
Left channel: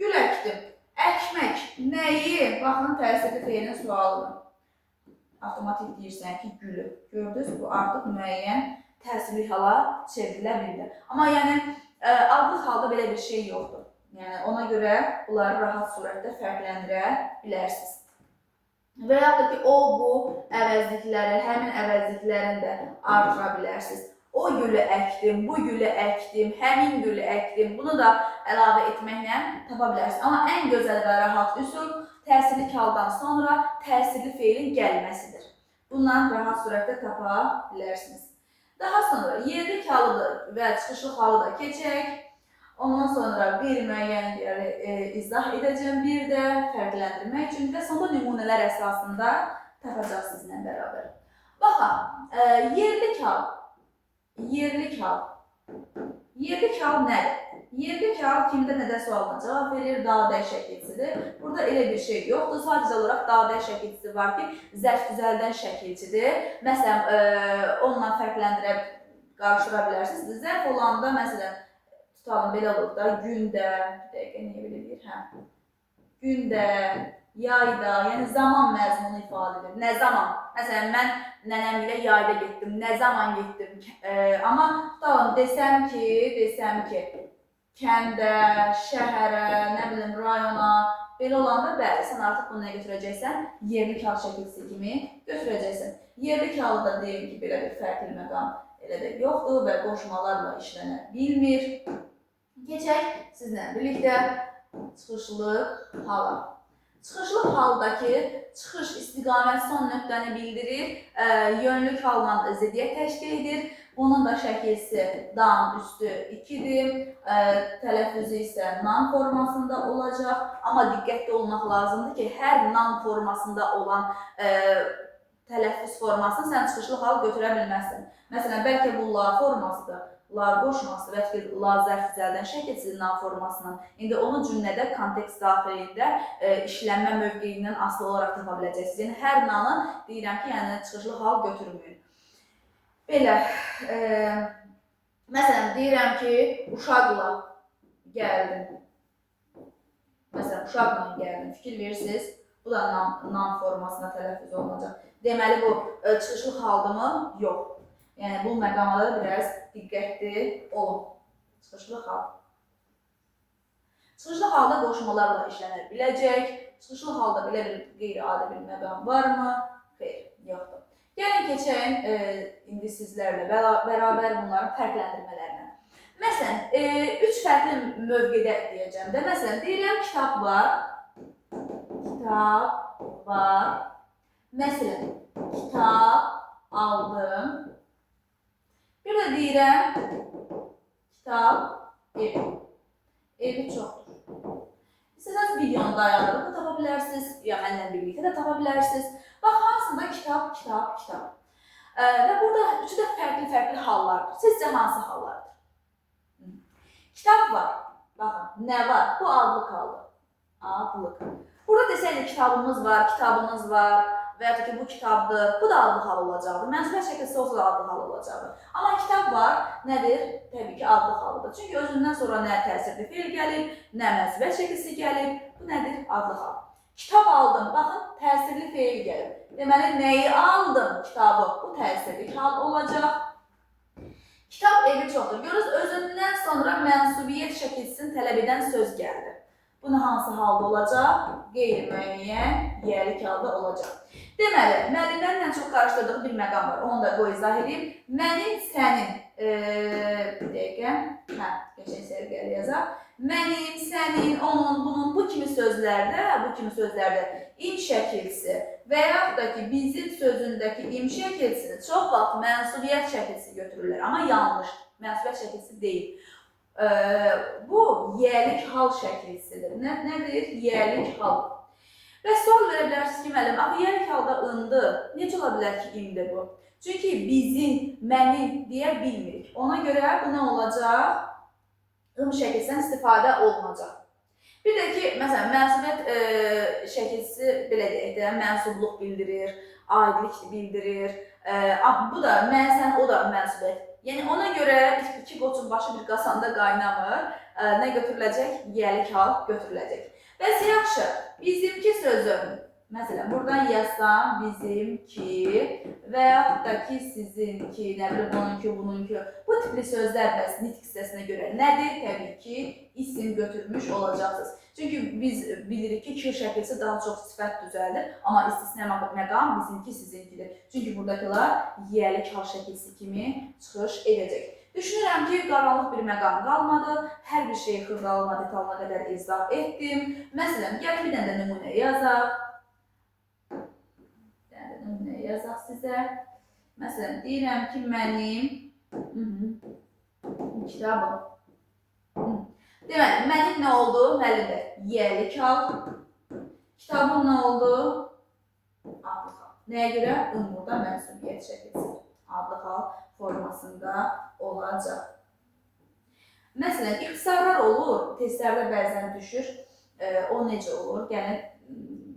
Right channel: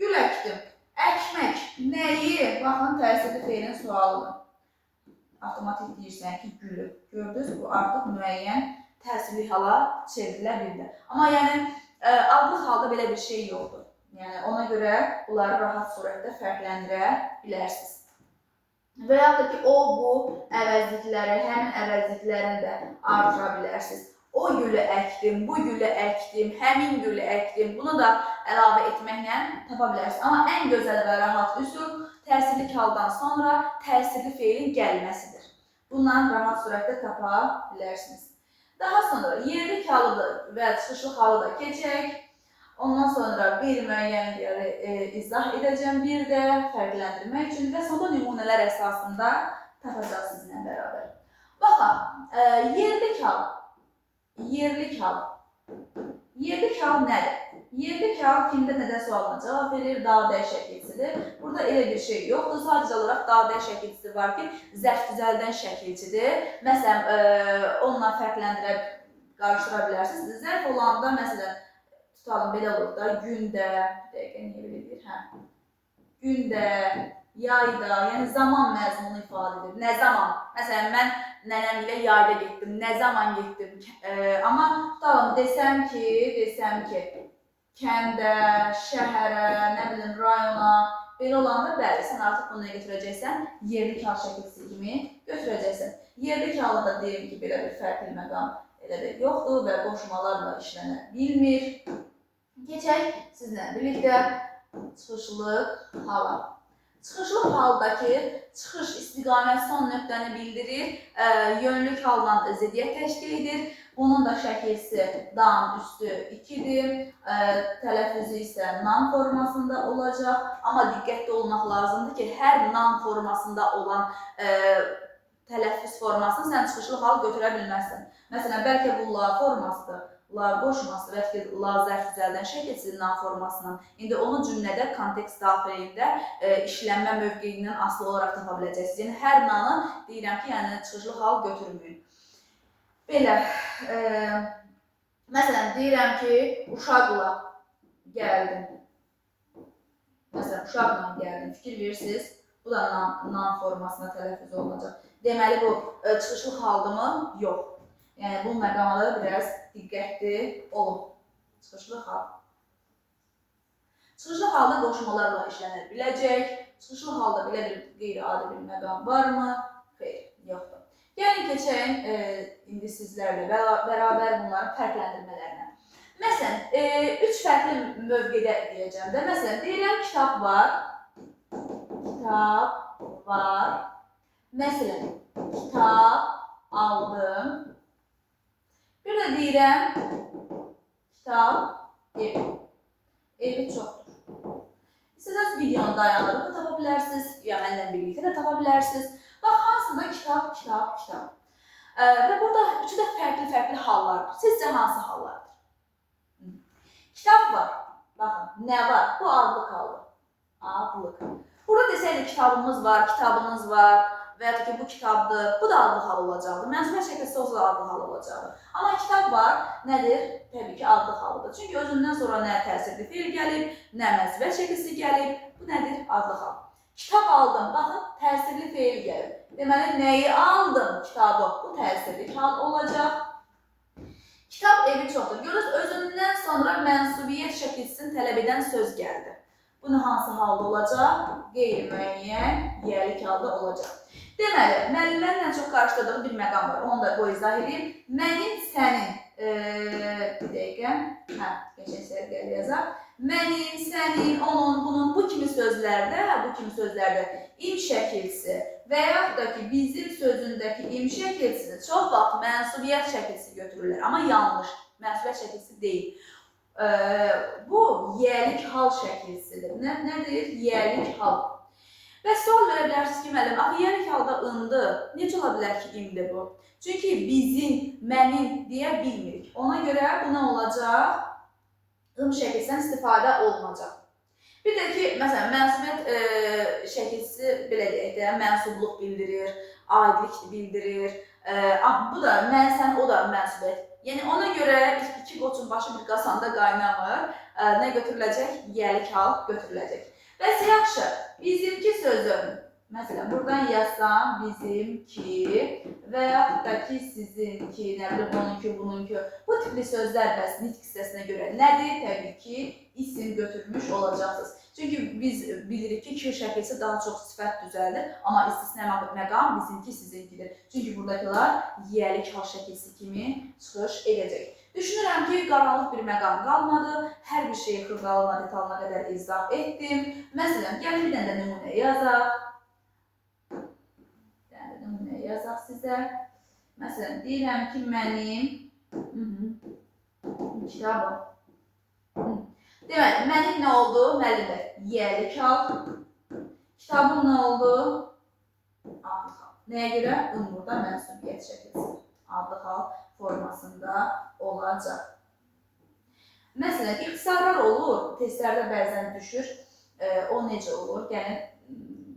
Gül əkdim. Əkmək nəyi? Baxın, təsirli feilin sualıdır. Avtomatik deyirsən ki, gülü. Gördünüz, bu artıq müəyyən təsirli hala çevrilə bildi. Amma yəni, adlı halda belə bir şey yoxdur. Yəni, ona görə bunları rahat surətdə fərqləndirə bilərsiniz. Və yaxud da ki, o, bu əvəzlikləri, həmin əvəzliklərini də artıra bilərsiniz. O gülü əkdim, bu gülü əkdim, həmin gülü əkdim. Bunu da əlavə etməklə tapa bilərsiniz. Amma ən gözəl və rahat üsul təsirli haldan sonra təsirli feilin gəlməsidir. Bundan rahat surətdə tapa bilərsiniz. Daha sonra yerlik halı və çıxışlı halı da keçək. Ondan sonra qeyri-müəyyənləri izah edəcəm bir də fərqləndirmək üçün və sonra nümunələr əsasında tapacaq sizinlə bərabər. Baxın, yerlik hal. Yerlik hal. Yerlik hal nədir? Yerlik hal kimdə nədən sualına cavab verir? Dadə şəkilçisidir. Burada elə bir şey yoxdur. Sadəcə olaraq dadə şəkilçisi var ki, zərf düzəldən şəkilçidir. Məsələn, onunla fərqləndirə, qarışdıra bilərsiniz. Zərf olanda, məsələn, tutalım belə olur da, gündə, dəqiqə niyə belə deyir? Gündə, yayda, yəni zaman məzmunu ifadə edir. Nə zaman? Məsələn, mən nənəm ilə yayda getdim, nə zaman getdim? Amma tutalım, desəm ki, kəndə, şəhərə, nə bilim, rayona, belə olanda, bəli, sən artıq bunu nə götürəcəksən? Yerlik hal şəkilçisi kimi götürəcəksən. Yerlik halı da deyim ki, belə bir fərqli məqam elə də yoxdur və qoşmalarla işlənə bilmir. Keçək sizlə birlikdə çıxışlı hala. Çıxışlı haldakı çıxış istiqamət son nöqtəni bildirir, yönlük halla ziddiyyət təşkil edir. Bunun da şəkilsi dan üstü 2-dir, tələffüzü isə nan formasında olacaq. Amma diqqətli olmaq lazımdır ki, hər nan formasında olan tələffüz formasını sən çıxışlı hal götürə bilməzsən. Məsələn, bəlkə bu la formasıdır. La qoşması və ki, la zərf düzəldən şəkilsiz nan formasından. İndi onu cümlədə, kontekst daxilində işlənmə mövqeyindən asılı olaraq tapa biləcəksiniz. Yəni, hər nanı deyirəm ki, yəni çıxışlı hal götürməyin. Belə, məsələn, deyirəm ki, uşaqla gəldim. Məsələn, uşaqla gəldim, fikir verirsiniz. Bu da nan formasına tələffüz olunacaq. Deməli, bu çıxışlı haldımı? Yox. Yəni, bu məqamada biraz diqqətli olun. Çıxışlı hal. Çıxışlı halda qoşmalarla işlənə biləcək. Çıxışlı halda belə bir qeyri-adi bir məqam varmı? Xeyr, yoxdur. Gəlin keçək indi sizlərlə bərabər bunların fərqləndirmələrinə. Məsələn, 3 fərqli mövqedə deyəcəm də. Məsələn, deyirəm kitab var. Kitab var. Məsələn, kitab aldım. Bir də deyirəm, kitab, evi. Evi çoxdur. İstəsəniz videonu dayandırıb da tapa bilərsiniz, ya mənlə birlikdə də tapa bilərsiniz. Bax, hansında kitab, kitab, kitab. Və burada üçü də fərqli hallardır. Sizcə hansı hallardır? Kitab var. Baxın, nə var? Bu adlıq haldır. Adlıq. Burada desəydi kitabımız var, kitabınız var və ya ki bu kitabdır, bu da adlı hal olacaqdı. Mənsubiyyət şəkilsi olsa da adlı hal olacaqdı. Amma kitab var, nədir? Təbii ki, adlı halıdır. Çünki özündən sonra nə təsirli feil gəlib, nə mənsubiyyət şəkilsi gəlib. Bu nədir? Adlı hal. Kitab aldım. Baxın, təsirli feil gəlib. Deməli, nəyi aldım? Kitabı. Bu təsirli hal olacaq. Kitab evi çoxdur. Görürsünüz, özündən sonra mənsubiyyət şəkilsini tələb edən söz gəldi. Bunun hansı halda olacaq? Qeyri-müəyyən, yerlik halda olacaq. Deməli, müəllimlərin ən çox qarşıladığı bir məqam var. Onu da qoy izah edeyim. Mənim, sənin, bir dəqiqə, geçən sərgəli yazaq. Mənim, sənin, onun, bunun, bu kimi sözlərdə im şəkilsi və yaxud da ki, bizim sözündəki im şəkilsini çox vaxt mənsubiyyət şəkilsi götürürlər. Amma yanlış, mənsubiyyət şəkilsi deyil. Bu, yerlik hal şəkilsidir. Nədir? Yerlik hal. Və sual verə bilərsiniz ki, müəllim, axı yerlik halda ındır. Necə ola bilər ki, imdir bu? Çünki bizim, mənim deyə bilmirik. Ona görə bu nə olacaq? Im şəkilsindən istifadə olunacaq. Bir də ki, məsələn, mənsubiyyət şəkilsi belə deyək də, mənsubluq bildirir, aidlik bildirir. Bu da mən, sən, o da mənsubiyyət. Yəni ona görə iki qoçun başı bir qasanda qaynamır. Nə götürüləcək? Yerlik hal götürüləcək. Bəs yaxşı, bizimki sözü, məsələn, buradan yazsam, bizimki və yaxud da ki, sizinki, nə bilim, onunki, bununki, bu tipli sözlər bəs nitq hissəsinə görə nədir? Təbii ki, isim götürmüş olacaqsınız. Çünki biz bilirik ki, kir şəkilsi daha çox sifət düzəldir, amma istisna məqam bizimki, sizinkidir. Çünki buradakılar yerlik hal şəkilsi kimi çıxış edəcək. Düşünürəm ki, qaranlıq bir məqam qalmadı. Hər bir şeyi xırdalıqla, detalına qədər izah etdim. Məsələn, gəlin bir dənə də nümunə yazaq. Bir dənə də nümunə yazaq sizə. Məsələn, deyirəm ki, mənim kitabım. Deməli, mənim nə oldu? Müəllimə, yerlik hal. Kitabım nə oldu? Adlı hal. Nəyə görə? Burada mənsubiyyət şəkilsi. Adlı hal formasında olacaq. Məsələn, ixtisarlar olur, testlərdə bəzən düşür. O necə olur? Gəlin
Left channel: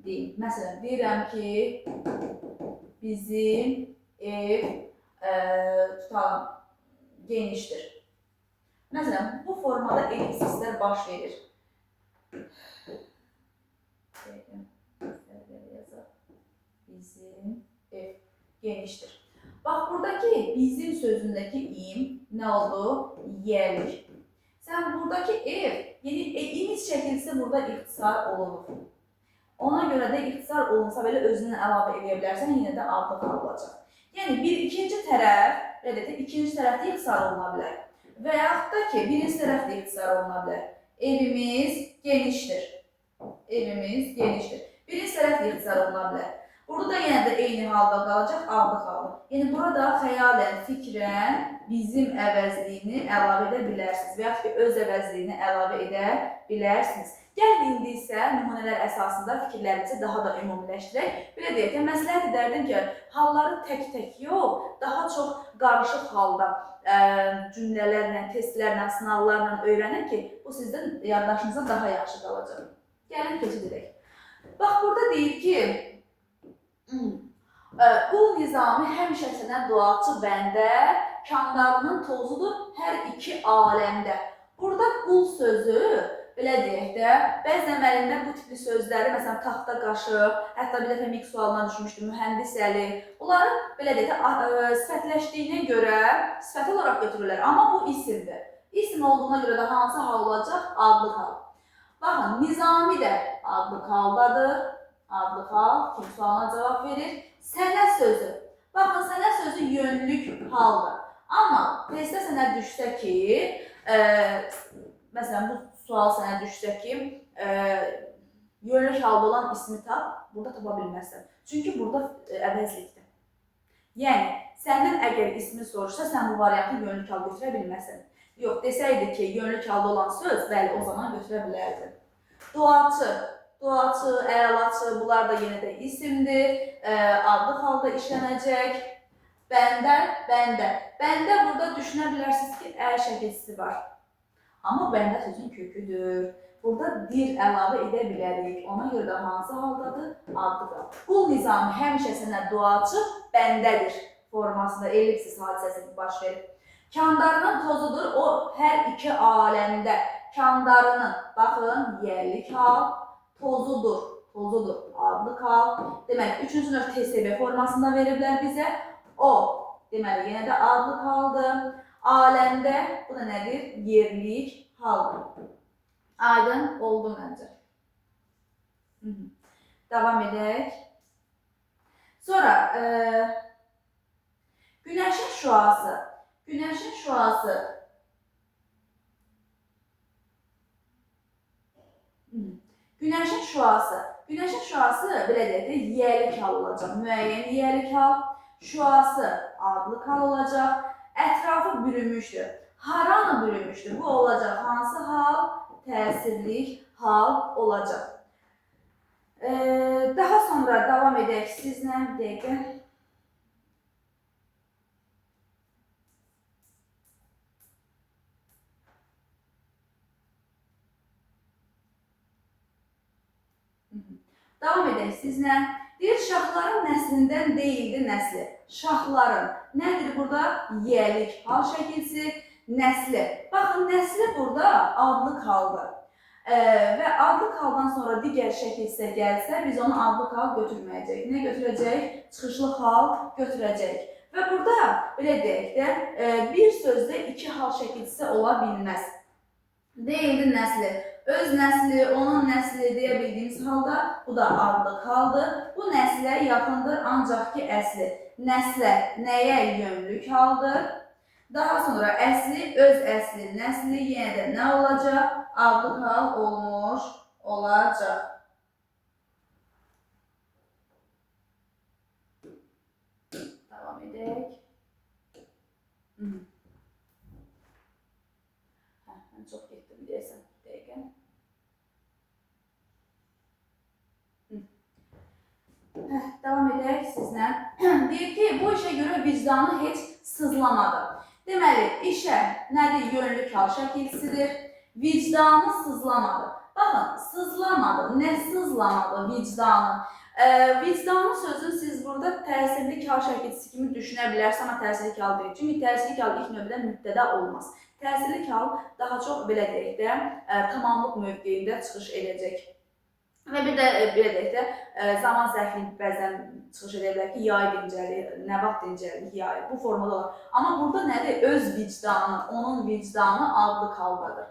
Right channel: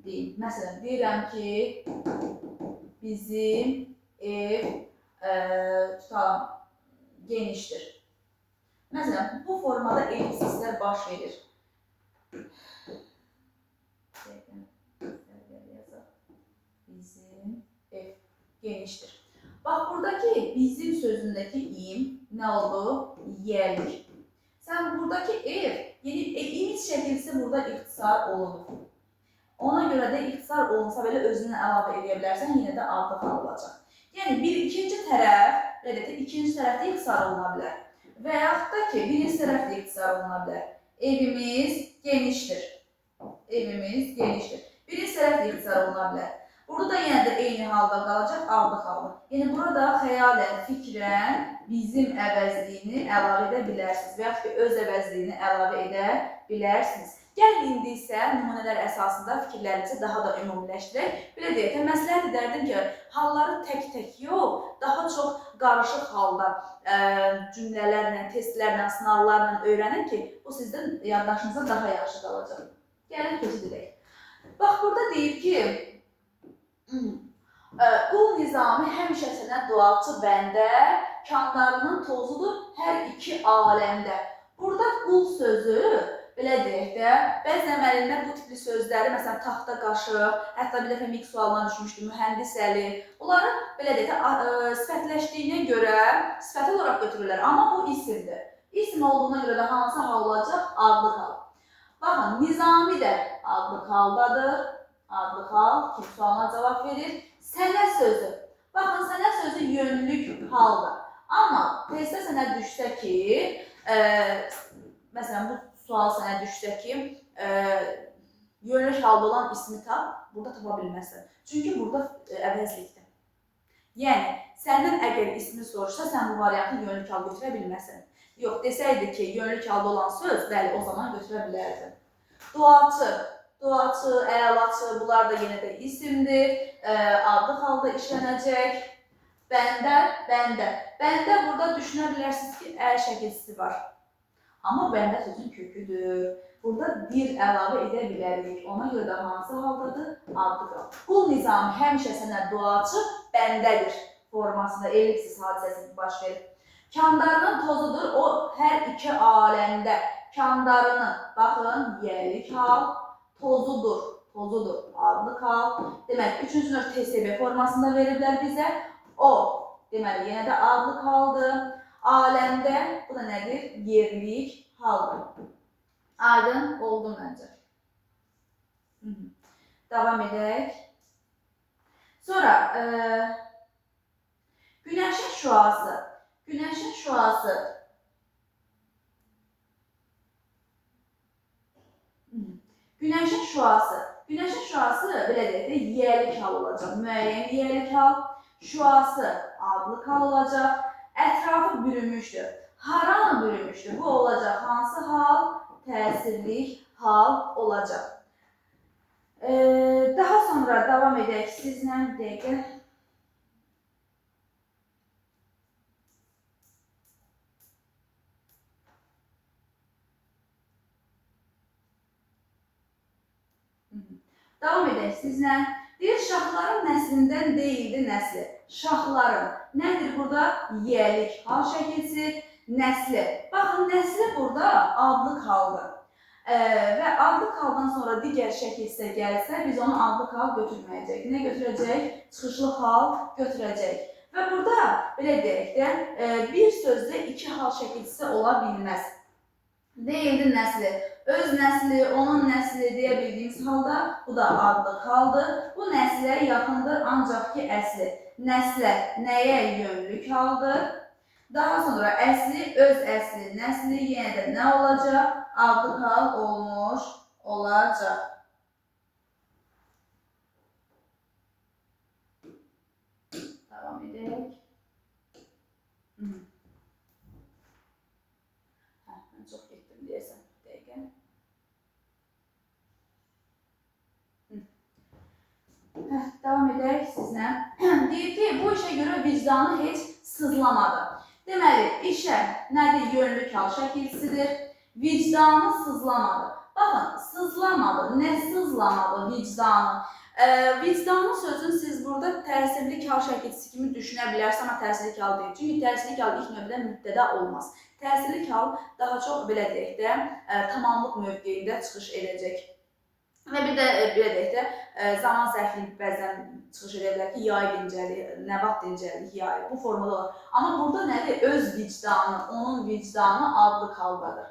deyim. Məsələn, deyirəm ki, bizim ev tutalım genişdir. Məsələn, bu formada ellipsislər baş verir. Bizim ev genişdir. Bax, buradakı bizim sözündəki im nə oldu? Yerlik. Sən buradakı ev, yəni imic şəkilsi burada ixtisar olunur. Ona görə də ixtisar olunsa belə özündən əlavə edə bilərsən, yenə də adlı hal olacaq. Yəni, ikinci tərəf də ixtisar oluna bilər. Və yaxud da ki, birinci tərəf də ixtisar oluna bilər. Evimiz genişdir. Evimiz genişdir. Birinci tərəf də ixtisar oluna bilər. Burada da yenə də eyni halda qalacaq, adlı halda. Yəni, burada xəyalən, fikrən bizim əvəzliyini əlavə edə bilərsiniz və yaxud ki, öz əvəzliyini əlavə edə bilərsiniz. Gəlin, indi isə nümunələr əsasında fikirlərinizi daha da ümumiləşdirək. Belə deyək ki, məsləhət edərdim ki, halları tək-tək yox, daha çox qarışıq halda cümlələrlə, testlərlə, sınavlarla öyrənin ki, bu sizdən yaddaşınıza daha yaxşı qalacaq. Gəlin, keçid edək. Bax, burada deyir ki, qul nizami həmişə sənə duaçı bəndə, kandarının tozudur hər iki aləmdə. Burada qul sözü, belə deyək də, bəzən müəllimlər bu tipli sözləri, məsələn, taxta qaşıq, hətta bir dəfə mix sualına düşmüşdü, mühəndis əli, bunları, belə deyək də, sifətləşdiyinə görə sifət olaraq götürürlər, amma bu isimdir. İsim olduğuna görə də hansı hal olacaq? Adlı hal. Baxın, nizami də adlı haldadır. Adlı hal, kim sualına cavab verir? Sənə sözü. Baxın, sənə sözü yönlük haldır. Amma testdə sənə düşsə ki, məsələn, bu sual sənə düşsə ki, yönlük halda olan ismi tap, burada tapa bilməzsən. Çünki burada əvəzlikdir. Yəni, səndən əgər ismi soruşsa, sən bu variantı yönlük hal götürə bilməzsən. Yox, desəydi ki, yönlük halda olan söz, bəli, o zaman götürə bilərdi. Duaçı. Duaçı, əlaçı, bunlar da yenə də isimdir, adlı halda işlənəcək. Bəndə, bəndə. Bəndə burada düşünə bilərsiniz ki, şəkilsisi var. Amma bəndə sözün köküdür. Burada dir əlavə edə bilərik. Ona görə də hansı haldadır? Adlı qal. Qul Nizami həmişə sənə duaçı bəndədir formasında ellipsis hadisəsi baş verir. Kandarının tozudur o hər iki aləmdə. Kandarının, baxın, yerlik hal, tozudur adlı kal. Demək, üçüncü növ TSB formasında veriblər bizə. O, deməli, yenə də adlı kaldı. Aləmdə, bu da nədir? Yerlik haldır. Aydın oldu məncə. Davam edək. Sonra, günəşin şüası. Günəşin şüası. Günəşin şüası. Günəşin şüası belə deyək də yiyəlik hal olacaq. Müəyyən yiyəlik hal. Şüası adlı hal olacaq. Ətrafı bürünmüşdür. Haranı bürünmüşdür? Bu olacaq. Hansı hal? Təsirlik hal olacaq. Daha sonra davam edək sizlə bir dəqiqə. Davam edək sizlə. Deyir, şahların nəslindən deyildi nəsli. Şahların nədir burada? Yiyəlik hal şəkilsi, nəsli. Baxın, nəsli burada adlı haldır. Və adlı haldan sonra digər şəkilsə gəlsə, biz onu adlı hal götürməyəcək. Nə götürəcək? Çıxışlı hal götürəcək. Və burada, belə deyək də, bir sözdə iki hal şəkilsi ola bilməz. Deyildi nəsli. Öz nəsli, onun nəsli deyə bildiyimiz halda bu da adlı haldır. Bu nəslə yaxındır ancaq ki əsli. Nəslə nəyə yönlük haldır? Daha sonra əsli, öz əsli, nəsli yenə də nə olacaq? Adlı hal olmuş olacaq. Davam edək. Mən çox getdim deyəsən. Davam edək sizlə. Deyir ki, bu işə görə vicdanı heç sızlamadı. Deməli, işə nədir? Yönlük hal şəkilsidir. Vicdanı sızlamadı. Baxın, sızlamadı. Nə sızlamadı vicdanı? Vicdanı sözün siz burada təsirlik hal şəkilsi kimi düşünə bilərsiniz, amma təsirlik hal deyil. Çünki təsirlik hal ilk növbədə mübtəda olmaz. Təsirlik hal daha çox, belə deyək də, tamamlıq mövqeyində çıxış edəcək. Və bir də belə deyək də, zaman zərfliyi bəzən çıxış edə bilər ki, yay dincəlik, nə vaxt dincəlik, yay, bu formada olur. Amma burada nədir? Öz vicdanı, onun vicdanı adlı haldadır.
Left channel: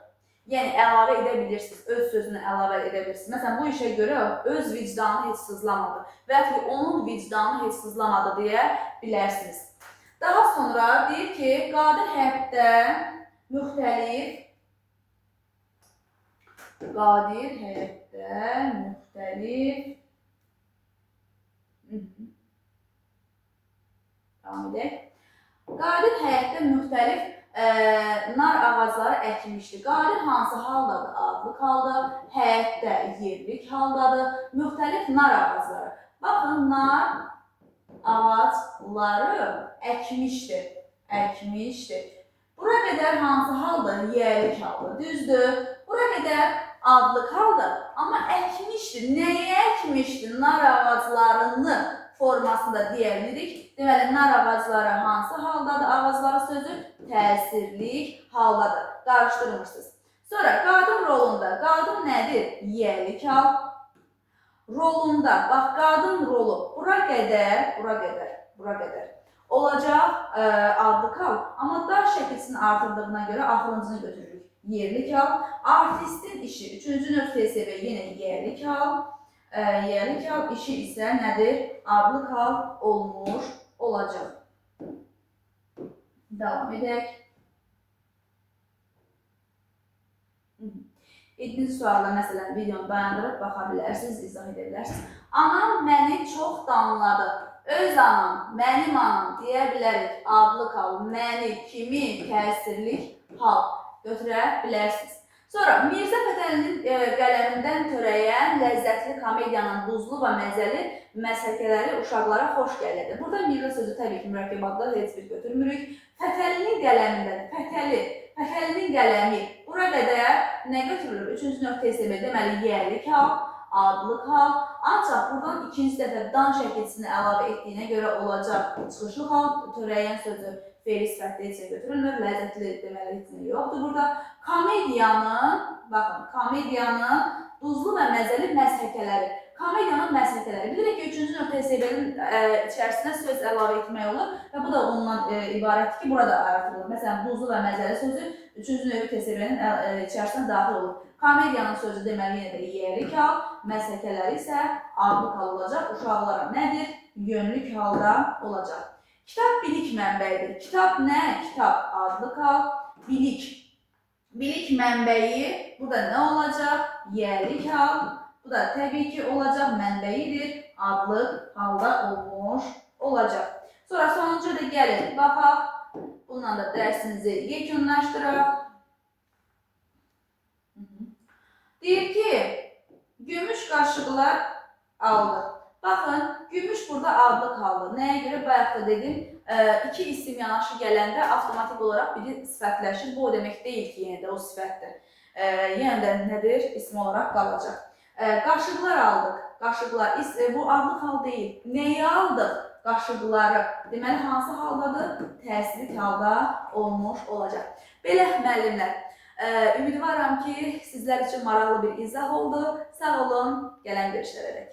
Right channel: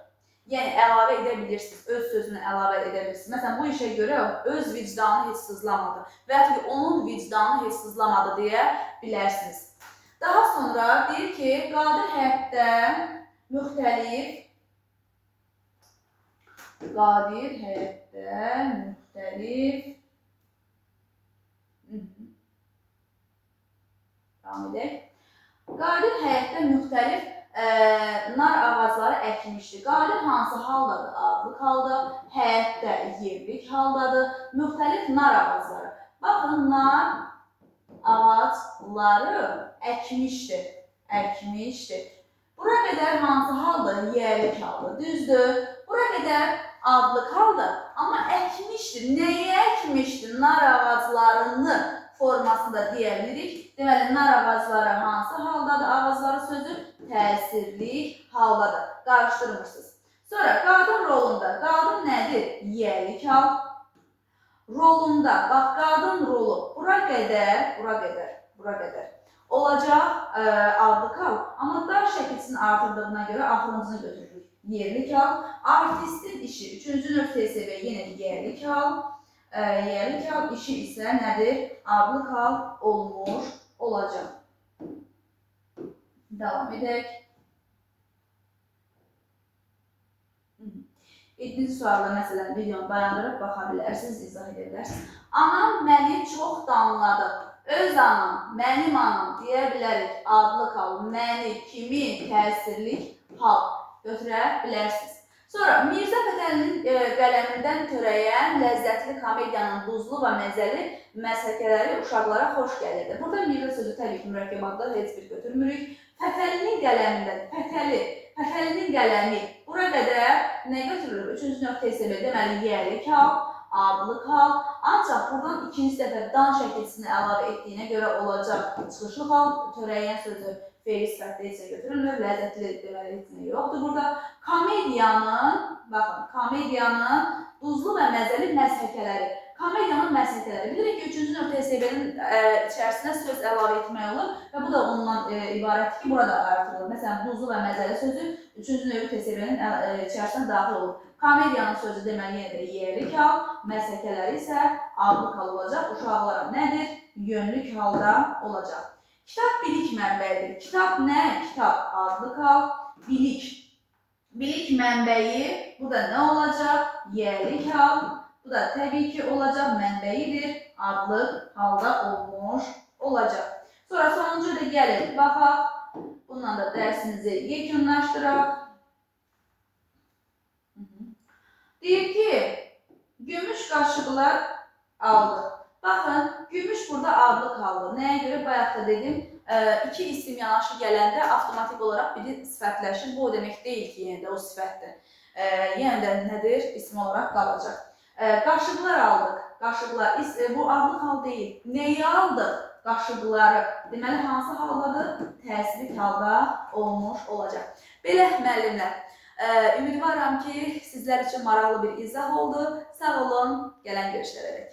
Yəni, əlavə edə bilirsiniz, öz sözünü əlavə edə bilirsiniz. Məsələn, bu işə görə öz vicdanı heç sızlamadı və ya ki, onun vicdanı heç sızlamadı deyə bilərsiniz. Daha sonra deyir ki, qadir həyətdə müxtəlif Qadir həyətdə müxtəlif nar ağacları əkmişdi. Qadir hansı haldadır? Adlı halda, həyətdə yerlik haldadır. Müxtəlif nar ağacları. Baxın, nar ağacları əkmişdi. Bura qədər hansı haldır? Yerlik haldır. Düzdür. Bura qədər adlı haldır. Amma əkmişdi. Nəyi əkmişdi? Nar ağaclarını formasında deyə bilirik. Deməli, nar ağacları hansı haldadır? Ağacları sözü təsirlik haldadır. Qarışdırmırsınız. Sonra qadın rolunda. Qadın nədir? Yiyəlik hal. Rolunda. Bax, qadın rolu. Bura qədər olacaq adlı hal. Amma dar şəkilsinin artırdığına görə axırıncını götürürük. Yerlik hal. Artistin işi. Üçüncü növ TSB yenə yerlik hal. Yerlik hal işi isə nədir? Adlı hal olmuş olacaq. Davam edək. 7-ci sualda məsələn videonu dayandırıb baxa bilərsiniz, izah edə bilərsiniz. Anam məni çox danladı. Öz anam, mənim anam deyə bilərik. Adlı hal, məni, kimi, təsirlik hal götürə bilərsiniz. Sonra Mirzə Fətəlinin qələmindən törəyən ləzzətli komediyanın duzlu və məzəli məsələkələri uşaqlara xoş gəlirdi. Burada Mirzə sözü təbii ki, mürəkkəb adlar heç bir götürmürük. Fətəlinin qələmindən, Fətəli, Təkəlinin qələmi. Bura qədər nə götürülür? Üçüncü nöqtə hesab deməli, yerlik hal, adlıq hal. Ancaq buradan ikinci dəfə dan şəkilsini əlavə etdiyinə görə olacaq çıxışlı hal, törəyən sözü fe'li sifətdə heç götürülmür. Ləzzətli deməli heç yoxdur burada. Komediyanın duzlu və məzəli məshəkələri. Komediyanın məshəkələri. Bilirik ki, üçüncü nöqtə hesabının içərisinə söz əlavə etmək olur və bu da ondan ibarətdir ki, burada artırılır. Məsələn, duzlu və məzəli sözü üçüncü nöqtə hesabının içərisinə daxil olur. Komediyanın sözü deməli yenə də yerlik hal, məshəkələri isə adlıq hal olacaq. Uşaqlara nədir? Yönlük halda olacaq. Kitab bilik mənbəyidir. Kitab nə? Kitab adlıq hal, bilik. Bilik mənbəyi burada nə olacaq? Yerlik hal. Bu da təbii ki olacaq, mənbəyidir, adlıq halda olmuş olacaq. Sonra sonuncu da gəlin, baxaq. Bununla da dərsimizi yekunlaşdıraq. Deyir ki, gümüş qaşıqlar aldıq. Baxın, gümüş burada adlıq haldır. Nəyə görə? Bayaq da dedim, iki isim yanaşı gələndə avtomatik olaraq biri sifətləşir. Bu o demək deyil ki, yenə də o sifətdir. Yenə də nədir? İsim olaraq qalacaq. Qaşıqlar aldıq. Qaşıqlar, bu adlıq hal deyil. Nəyi aldıq? Qaşıqları. Deməli, hansı haldadır? Təsirli halda olmuş olacaq. Belə müəllimlər, ümidvaram ki, sizlər üçün maraqlı bir izah oldu. Sağ olun, gələn görüşlərə dək.